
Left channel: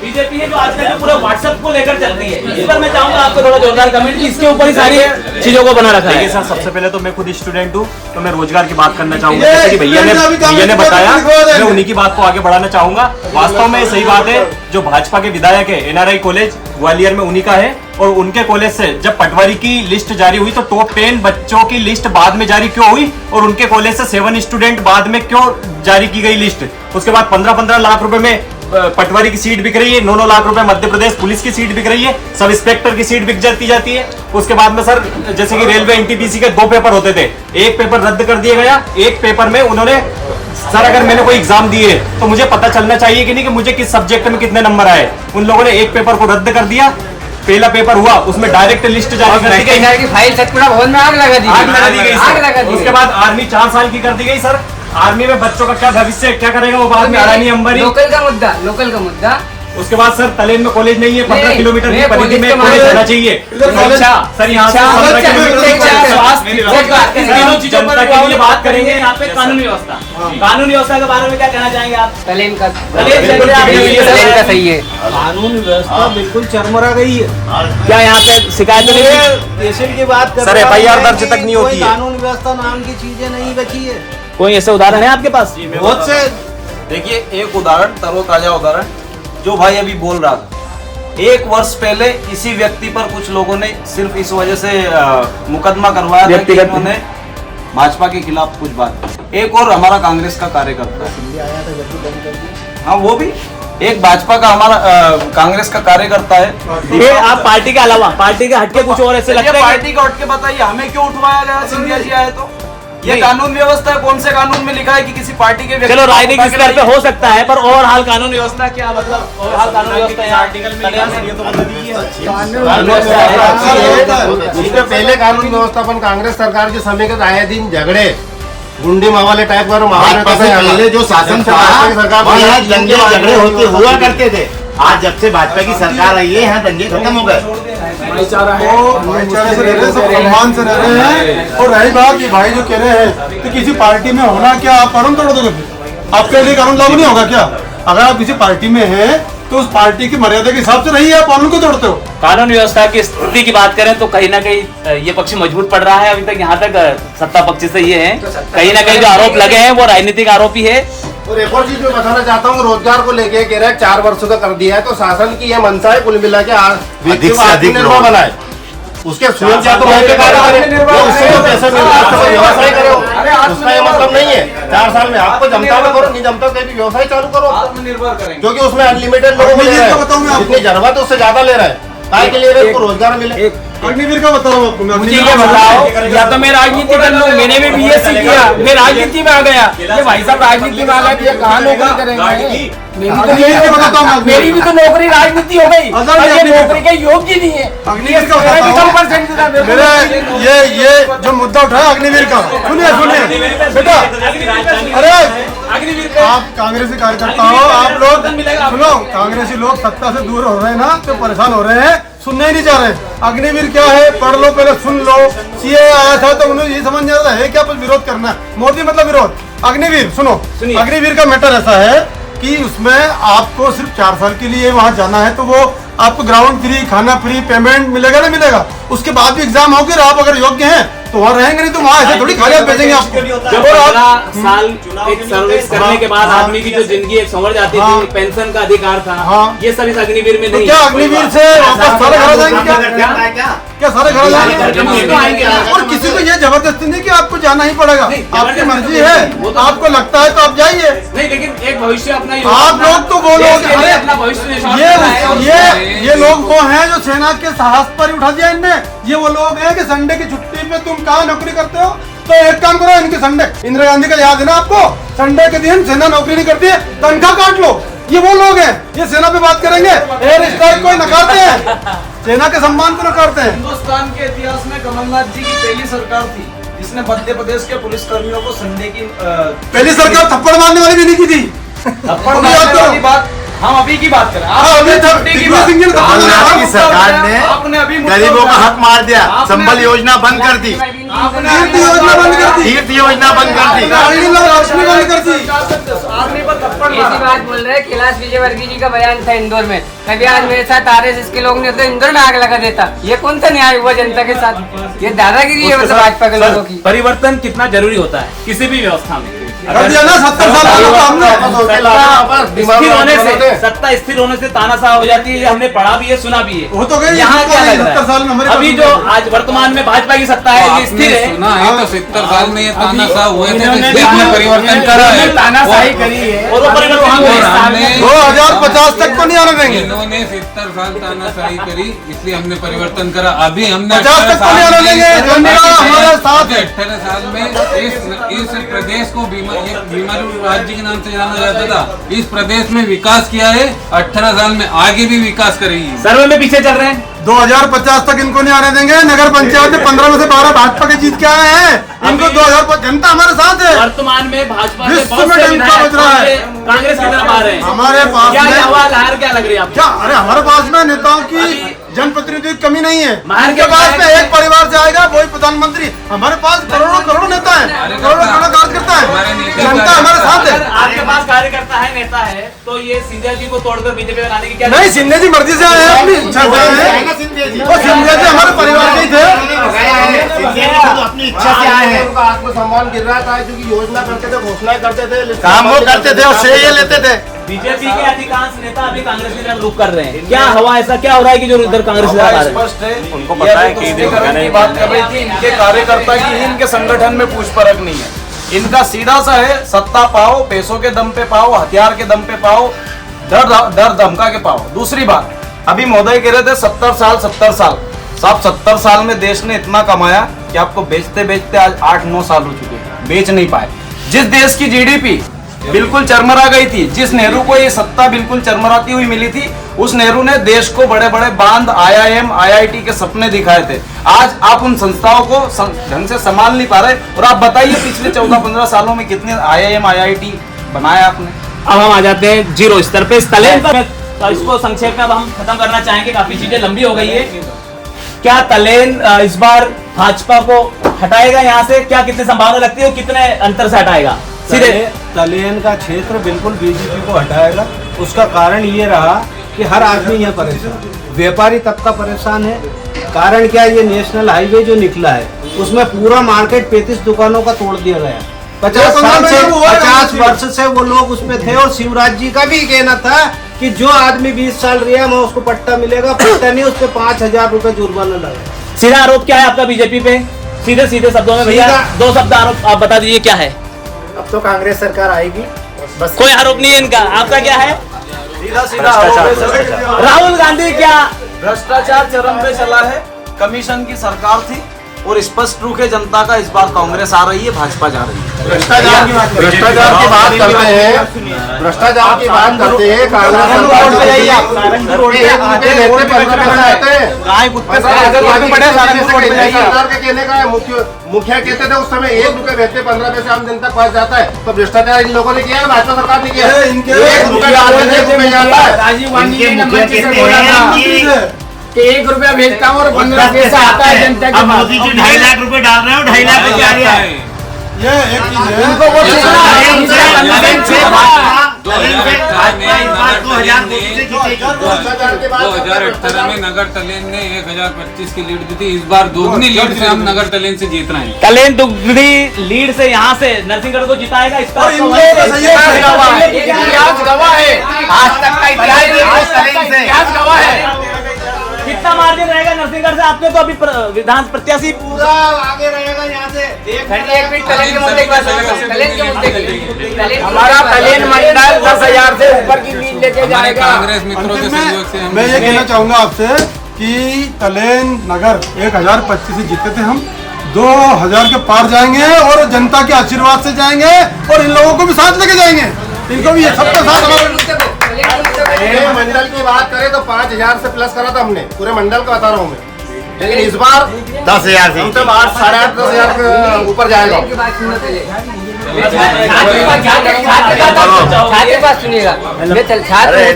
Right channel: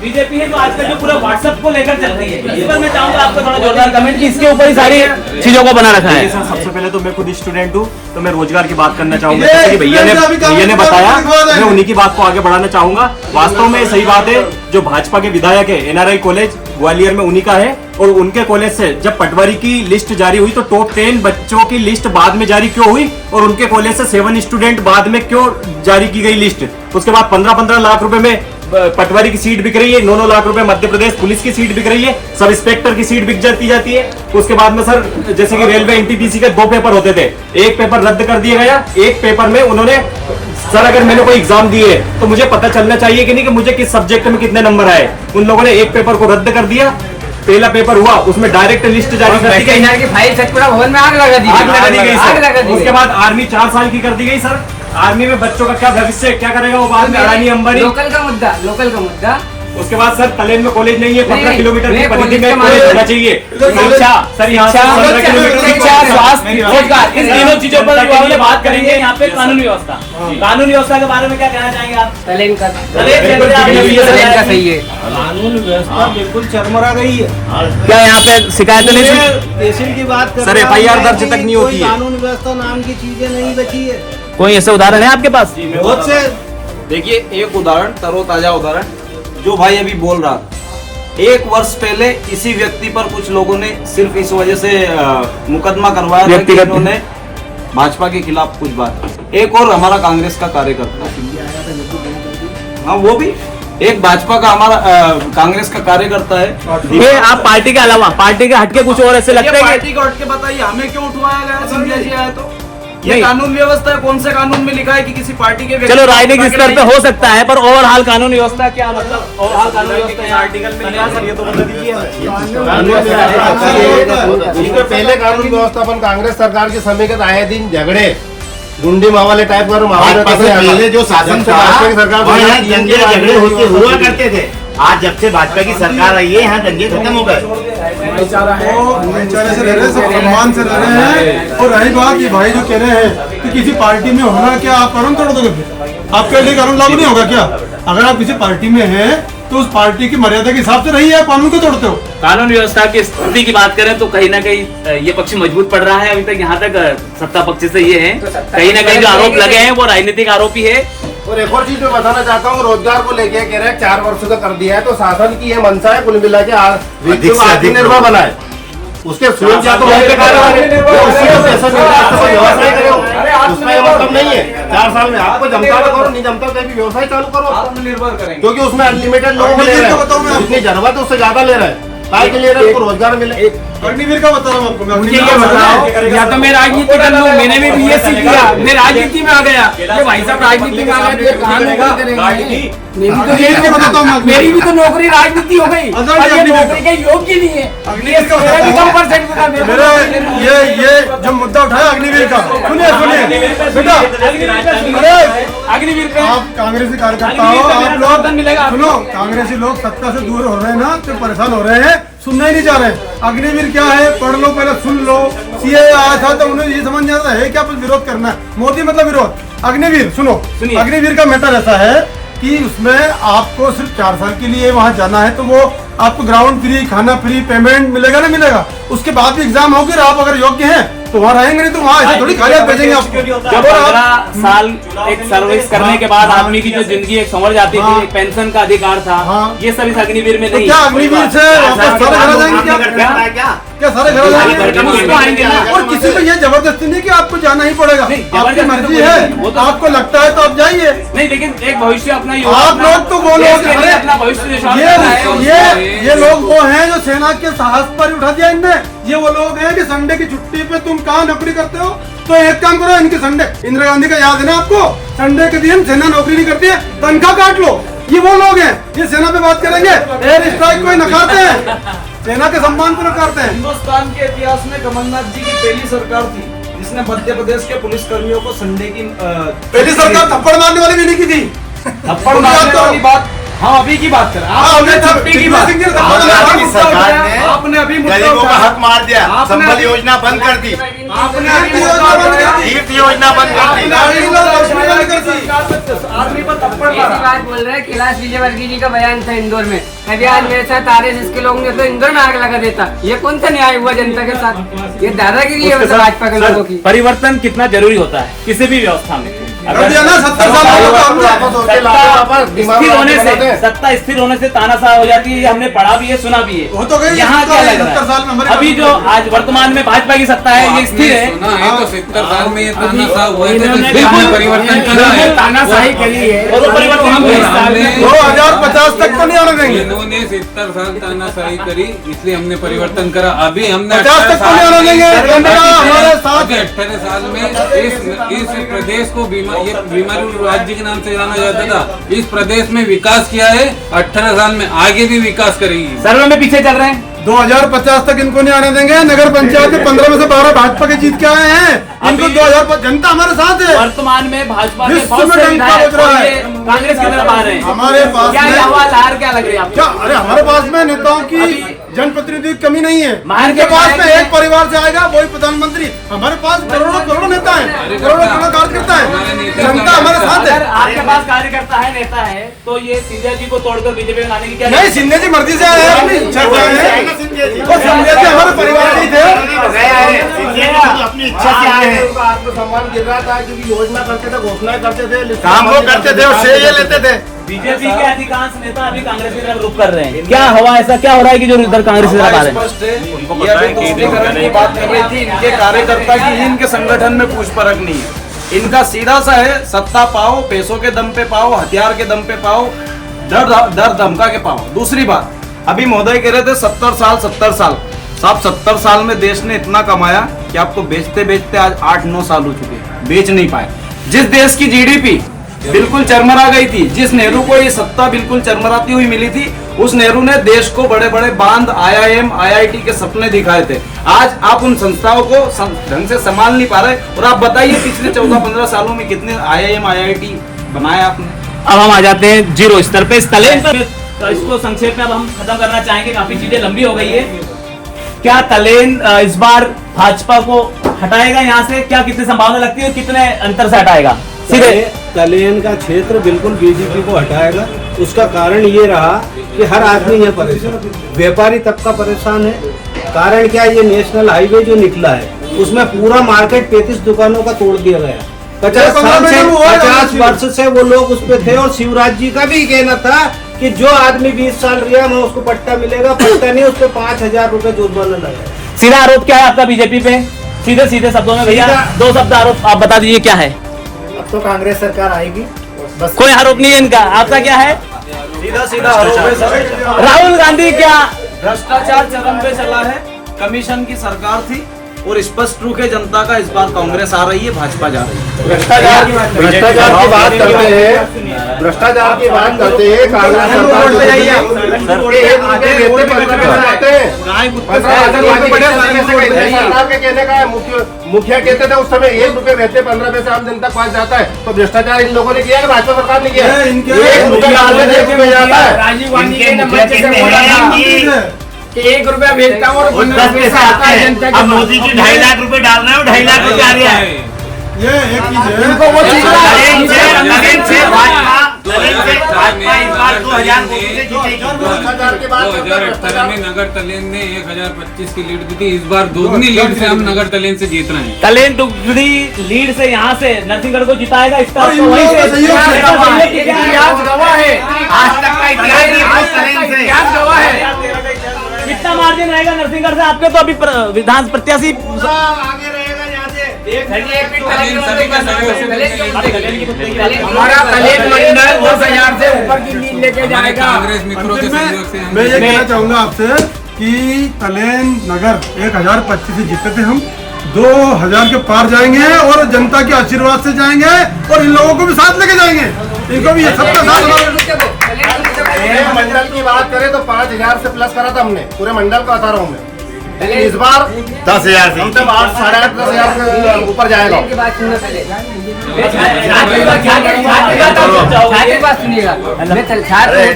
बीजेपी है तो आजकल जो पूरा व्हाट्सएप को लेकर चलती है। इस पर मैं चाहूंगा आपको थोड़ा जोरदार कमेंट कि इसके ऊपर ही सारी चीजों को बना रखा है। सर सबसे पहले तो मैं खुद स्टूडेंट हूँ, तो मैं रोजगार की बात करना चाहूंगा। जैसे कि भैया ने बताया, मैं उन्हीं की बात को आगे बढ़ाना चाहूंगा। वास्तव में सही बात है, जो भाजपा के विधायक है NRI कॉलेज ग्वालियर में उन्हीं का है। और उनके कॉलेज से जब पटवारी की लिस्ट जारी हुई तो टॉप 10 बच्चों की लिस्ट बाद में जारी क्यों हुई, और उनके कॉलेज से 7 स्टूडेंट बाद में क्यों जारी की गई लिस्ट? उसके बाद 15-15 लाख रुपए में पटवारी की सीट बिक रही है, 9-9 लाख रुपए मध्य प्रदेश पुलिस की सीट बिक रही है, सब इंस्पेक्टर की सीट बिक जाती है। उसके बाद में सर जैसे कि रेलवे NTPC के 2 पेपर होते थे, एक पेपर रद्द कर दिया गया। एक पेपर में उन्होंने सर अगर मैंने कोई एग्जाम दिए तो मुझे पता चलना चाहिए कि नहीं कि मुझे किस सब्जेक्ट में कितने नंबर आए। उन लोगों ने एक पेपर को रद्द कर दिया। पहला पेपर हुआ, उसमें डायरेक्ट लिस्ट जारी कर दी गई, फाइल सतपुड़ा भवन में आग लगा दी गई। उसके बाद आर्मी 4 साल की कर दी गई। सर आर्मी में बच्चों का क्या भविष्य, क्या करेगा वो बाद में अडानी अंबानी। लोकल का मुद्दा उसके बाद सर तलेन में कॉलेज नहीं है, 15 नहीं, किलोमीटर की नहीं, परिधि में कॉलेज कॉलेज के होना चाहिए। शिक्षा सर यहाँ से 15 किलोमीटर शिक्षा, स्वास्थ्य, रोजगार, इन तीनों चीजों पर जनता के लिए बात करेंगे। यहाँ पे कानून व्यवस्था, कानून व्यवस्था के बारे में क्या कहना चाहेंगे आप? तलेन का सही है, कानून व्यवस्था बिल्कुल चरमरा गई है। क्या यहाँ पे शिकायत नहीं थी? तहसील की बात कर सर, रहा FIR है दर्ज कि तक नहीं कोई होती है। कानून व्यवस्था नाम की चीजें नहीं बची है। कोई ऐसे उदाहरण है आपके पास? बहुत से देखिए, एक उदाहरण, तरोताजा उदाहरण जो भाई अभी बोल रहा था। 1 वर्ष पहले इसी व्यक्ति पर कुछ लोगों ने सिर्फ इस वजह से मुकदमा करवाया था कि इन्होंने भाजपा के खिलाफ कुछ बात। एक और हमारा कांग्रेस का कार्यकर्ता है, हाँ वो भी एक भाजपा का हमारा कांग्रेस का कार्यकर्ता है। ये आप पार्टी के अलावा, पार्टी के हटके कुछ और ऐसे लगता है? पार्टी को हटके बताइए, हमें क्यों उठवाया गया? सिंधिया जी आए तो ये कानून व्यवस्था है, कौन से कानून में लिखा है कि किसी पार्टी के? चलो राजनीतिक स्तर पे हो सकता है, पर ओवरऑल कानून व्यवस्था क्या मतलब? ओवरऑल कानून इसके पहले कानून व्यवस्थापन कांग्रेस सरकार के समय के आए दिन झगड़े गुंडी मावाले टाइप का माहौल पहले जो शासन था वहाँ यहाँ दंगे झगड़े होते हुआ करते थे। आज जब से भाजपा की सरकार आई है यहाँ दंगे खत्म हो गए। भाईचारा है, भाईचारे से रह रहे हैं, सब सम्मान से रह रहे हैं। और रही बात ये भाई जो कह रहे हैं कि किसी पार्टी में होना क्या आप कानून तोड़ दोगे? आपके लिए कानून लागू नहीं होगा क्या? अगर आप किसी पार्टी में हैं तो उस पार्टी की मर्यादा के हिसाब से रहिए, आप कानून को तोड़ते हो। कानून व्यवस्था की स्थिति की बात करें तो कहीं ना कहीं ये पक्ष मजबूत पड़ रहा है। अभी तक यहाँ तक सत्ता पक्ष से ये है, कहीं ना कहीं जो आरोप लगे हैं वो राजनीतिक आरोप ही है। और एक और चीज मैं बताना चाहता हूँ, रोजगार को लेके कह रहे हैं 4 वर्षों का कर दिया है, तो शासन की ये मंशा है कुल मिला के आत्मनिर्भर बनाए। उसके स्वयं क्या तो पैसा व्यवसाय करो, उसका ये मतलब नहीं है 4 साल में आपको जमता करो, नहीं जमता कहीं भी व्यवसाय चालू करो, आत्मनिर्भर करेंगे। क्योंकि उसमें अनलिमिटेड लोग ले रहे हैं, जितनी जरूरत है उससे ज्यादा ले रहे हैं, काय के ले रहे हैं, उसको रोजगार मिले। अग्निवीर का बताओ आपको, मुझे ये बताओ, या तो मैं राजनीति कर लूँ, मैंने भी BSc किया, मैं राजनीति में आ गया, ये भाई साहब राजनीति में आ गए, ये कहाँ नौकरी करेंगे? मेरी भी तो नौकरी राजनीति हो गई, और ये नौकरी के योग्य नहीं है। मेरा भी कम परसेंट था। ये जो मुद्दा उठाया अग्निवीर का, सुनिए बेटा, अग्निवीर आप कांग्रेसी कार्यकर्ता हो, आप लोग सुनो, कांग्रेसी लोग सत्ता से दूर हो रहे हैं ना, तो परेशान हो रहे हैं, सुनने ही नहीं जा रहे। अग्निवीर क्या है, पढ़ लो पहले, सुन लो। CA आया था तो उन्हें ये समझ नहीं आता है क्या कुछ विरोध करना है, मोदी मतलब विरोध। अग्निवीर सुनो, अग्निवीर का मैटर ऐसा है कि उसमें आपको सिर्फ 4 साल के लिए वहाँ जाना है, तो वो आपको ग्राउंड फ्री, खाना फ्री, पेमेंट मिलेगा ना मिलेगा। उसके बाद भी एग्जाम होगी, आप अगर योग्य हैं तो वहाँ रहेंगे, नहीं तो वहाँ ऐसे थोड़ी खाली हाथ भेजेंगे आपको। जब 15 साल एक सर्विस करने के बाद आदमी की जो जिंदगी एक संवर जाती थी, पेंशन का अधिकार था, ये सब इस अग्निवीर में नहीं। क्या अग्निवीर से वापस सारे घर आ जाएंगे? क्या सारे घर जाएंगे? और किसी को ये जबरदस्ती नहीं कि आपको जाना ही पड़ेगा, आपकी मर्जी है, आपको लगता है तो आप जाइए। नहीं, लेकिन एक भविष्य अपना आप लोग तो वो लोग, अपना भविष्य ये लोग वो हैं जो सेना के साहस पर उठा दिया इनमें। ये वो लोग हैं कि संडे की छुट्टी पे तुम कहाँ नौकरी करते हो, तो एक काम करो, इनके संडे, इंदिरा गांधी का याद है ना आपको, संडे के दिन सेना नौकरी नहीं करती है, तनख्वाह काट लो। ये वो लोग हैं, ये सेना पे बात करेंगे, एयर स्ट्राइक को नकारते हैं, सेना के सम्मान को नकारते हैं। हिंदुस्तान के इतिहास में कमलनाथ जी की पहली सरकार थी जिसने मध्य प्रदेश के पुलिस कर्मियों को संडे की पहली सरकार थप्पड़ मारने वाली भी नहीं की थी। थप्पड़ मारने वाली बात हम अभी की बात करें, आपने अभी गरीबों का हक मार दिया, संबल योजना बंद कर दी, तीर्थ योजना बंद कर दी। ऐसी बात बोल रहे हैं, कैलाश विजयवर्गीय जी का बयान था इंदौर में, कभी आज मेरे साथ RSS के लोग ने तो इंदौर में आग लगा देता। ये कौन सा न्याय हुआ जनता के साथ? ये दादागिरी है भाजपा के लोगों की। परिवर्तन कितना जरूरी होता है किसी भी व्यवस्था में। सत्ता स्थिर होने से तानाशाह हो जाती है, ये हमने पढ़ा भी है, सुना भी है। यहाँ क्या लग रहा है, अभी जो आज वर्तमान में भाजपा की सत्ता है ये स्थिर है। नहीं तो 70 साल में ये तानाशाह हुए थे, परिवर्तन करा है, तानाशाही करी है, 2050 तक तो नहीं आने देंगे। इन्होंने 70 साल तानाशाही करी, इसलिए हमने परिवर्तन करा। अभी हमने 50 तक तो नहीं आने देंगे। अभी 18 साल में इस प्रदेश को बीमारू राज्य के नाम से जाना जाता था, इस प्रदेश में विकास किया है, 18 साल में आगे भी विकास करेगी। सर्वे में पीछे चल रहे हैं, 2050 तक इनको नहीं आने देंगे। नगर पंचायत में 15 में से 12 भाजपा के जीत के आए हैं। इनको 2000 जनता हमारे साथ है। वर्तमान में भाजपा के विश्व में डंका बज रहा है। कांग्रेस की तरफ आ रहे हैं हमारे पास क्या ये हार क्या लग रही है आपको? क्या अरे हमारे पास में नेताओं की जनप्रतिनिधियों की कमी नहीं है। इनके पास में एक परिवार से आएगा वही प्रधानमंत्री। हमारे पास करोड़ों नेता है, करोड़ों कार्यकर्ता है, जनता हमारे साथ है। आपके पास कार्यकर्ता है, नेता है, तो ये सिंधिया जी को तोड़कर बीजेपी में लाने की क्या नहीं? सिंधिया जी मर्जी से आए हैं। सिंधिया जी हमारे परिवार के थे, अपनी इच्छा से आए हैं। आत्मसम्मान गिर रहा था क्योंकि योजना करते थे, घोषणाएं करते थे, काम वो करते थे और श्रेय लेते थे। बीजेपी के अधिकांश नेता अभी कांग्रेस की तरफ रुख कर रहे हैं। क्या हवा ऐसा क्या हो रहा है कि जो उधर कांग्रेस की तरफ आ रहे हैं? स्पष्ट है, ये अभी तुष्टीकरण की बात कर रही थी। इनके कार्यकर्ता की इनके संगठन में पूछ परख नहीं है। इनका सीधा सा है, सत्ता पाओ, पैसों के दम पे पाओ, हथियार के दम पे पाओ, डर धमका के पाओ। दूसरी बात, अभी महोदय कह रहे थे 70 साल साहब 70 साल में देश ने इतना कमाया कि आपको बेचते बेचते आज 8-9 साल हो चुके, बेच नहीं पाए। जिस देश की जीडीपी बिल्कुल चरमरा गई थी, जिस नेहरू को ये सत्ता बिल्कुल चरमराती हुई मिली थी, उस नेहरू ने देश को बड़े बड़े बांध, IIM, IIT के सपने दिखाए थे। आज आप उन संस्थाओं को ढंग से संभाल नहीं पा रहे। और आप बताइए पिछले 14-15 सालों में कितने IIM, IIT बनाया आपने? अब हम आ जाते हैं जीरो स्तर पे, तलेन पर। तो इसको संक्षेप में अब हम खत्म करना चाहेंगे, काफी चीजें लंबी हो गई है। क्या तलेन इस बार भाजपा को हटाएगा यहाँ से? क्या कितनी संभावना लगती है और कितने अंतर से हटाएगा? सीधे तलेन का क्षेत्र बिल्कुल बीजेपी को हटाएगा। उसका कारण ये रहा कि हर आदमी यहाँ परेशान, व्यापारी तबका परेशान है। कारण क्या, ये नेशनल हाईवे जो निकला है उसमें पूरा मार्केट 35 दुकानों का तोड़ दिया गया। 50 वर्ष से वो लोग उस पे थे। और शिवराज जी का भी कहना था कि जो आदमी 20 साल रिया में उसको पट्टा मिलेगा, पट्टा नहीं, उस पे 5000 रुपए जुर्माना लगेगा। सीधा आरोप क्या है आपका बीजेपी पे? सीधे शब्दों में भैया 2 शब्द आरोप आप बता दीजिए क्या है? अब तो कांग्रेस सरकार आएगी, बस कोई आरोप नहीं है इनका। आपका क्या है? सीधा आरोप है सर। राहुल गांधी क्या भ्रष्टाचार चरम पे चला है। कमीशन की सरकार थी और स्पष्ट रूप है जनता का इस बार कांग्रेस आ रही है, भाजपा जा रही है। भ्रष्टाचार की बात करते हैं, भ्रष्टाचार की बात करते हैं। कांग्रेस सरकार जो रही है, 1 रुपये रहते 15 पैसे आते हैं। सरकार के कहने का है, मुखिया कहते थे उस समय 1 रुपये रहते 15 पैसे आम जनता के पास जाता है। तो भ्रष्टाचार इन लोगों ने किया है, भाजपा सरकार ने किया है। 1 रुपये डालने से 1 रुपये जाता है। राजीव गांधी ने नंबर से बोला था कि 1 रुपया भेजता हूँ और 15 पैसा आता है जनता के। अब मोदी जी 2.5 लाख रुपए डाल रहे हो, 2.5 लाख रुपए आ रहा है। ये एक चीज है, इनको वो चीज भाजपा इस बार 2000 वोटों से जीतेगी। 2018 में नगर तलेन ने 1025 की लीड दी थी। इस बार दोगुनी लीड से हम नगर तलेन से जीत रहे हैं। तलेन दुगनी लीड से यहाँ से नरसिंहगढ़ को जिताएगा। इस पर कितना मार्जिन रहेगा नरसिंहगढ़ से आपके? तो अभी विधान प्रत्याशी पूरा आगे रहेगा यहाँ से। हमारा तलेन मंडल 10,000 से ऊपर की लीड लेके जाएगा। कांग्रेस मित्रों के सहयोग से मैं ये कहना चाहूंगा आपसे कि तलेन नगर 1025 से जीते थे हम, 2000 के पार जाएंगे और जनता के आशीर्वाद से जाएंगे और इन लोगों को भी साथ लेके जाएंगे। इनको भी ये सबका साथ। मंडल की बात करें तो 5000 से प्लस करा था हमने, पूरे मंडल का बता रहा हूँ मैं। लेकिन इस बार 10,000 से हमसे 8-8.5 10,000 के ऊपर जाएगा। छात्र बात सुनिएगा, मैं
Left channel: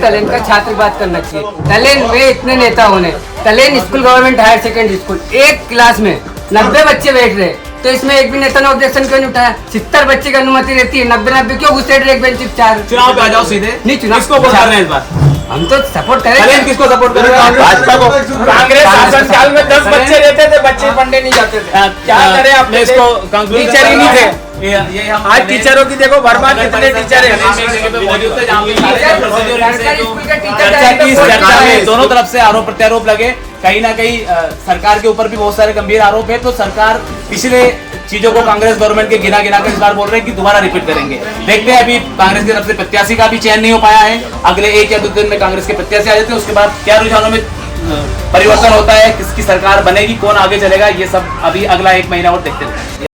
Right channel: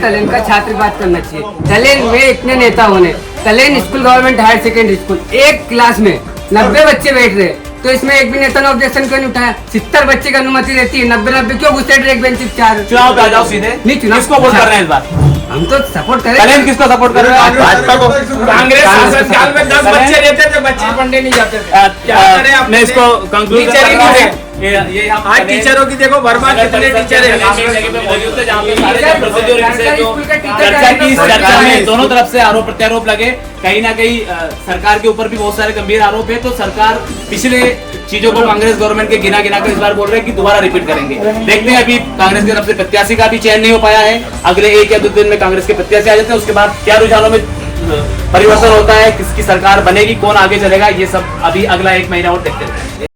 तलेन का छात्र बात करना चाहिए। तलेन में इतने नेता होने, तलेन school government higher secondary school, एक क्लास में 90 बच्चे बैठ रहे, तो इसमें एक भी नेता ने ऑब्जेक्शन क्यों नहीं उठाया? 70 बच्चे की अनुमति रहती है, 90 क्यों घुसे एक बेंच 4? चुनाव पे आ जाओ सीधे। नहीं, चुनाव किसको वोट कर रहे हैं इस बार? हम तो सपोर्ट करें। तलेन किसको सपोर्ट कर रहे हैं? भाजपा को। कांग्रेस शासनकाल में 10 बच्चे रहते थे, बच्चे पढ़ने नहीं जाते थे। क्या करें आपने इसको? टीचर ही नहीं थे। ये हम आज टीचरों की देखो भरमार कितने टीचर चर्चा की। इस चर्चा में दोनों तरफ से आरोप प्रत्यारोप लगे। कहीं ना कहीं सरकार के ऊपर भी बहुत सारे गंभीर आरोप है। तो सरकार पिछले चीजों को कांग्रेस गवर्नमेंट के गिना कर इस बार बोल रहे हैं कि दोबारा रिपीट करेंगे। देखते हैं, अभी कांग्रेस की तरफ से प्रत्याशी का भी चयन नहीं हो पाया है। अगले 1 या 2 दिन में कांग्रेस के प्रत्याशी आ जाते हैं, उसके बाद क्या रुझानों में परिवर्तन होता है, किसकी सरकार बनेगी, कौन आगे चलेगा, ये सब अभी अगला 1 महीना और देखते हैं।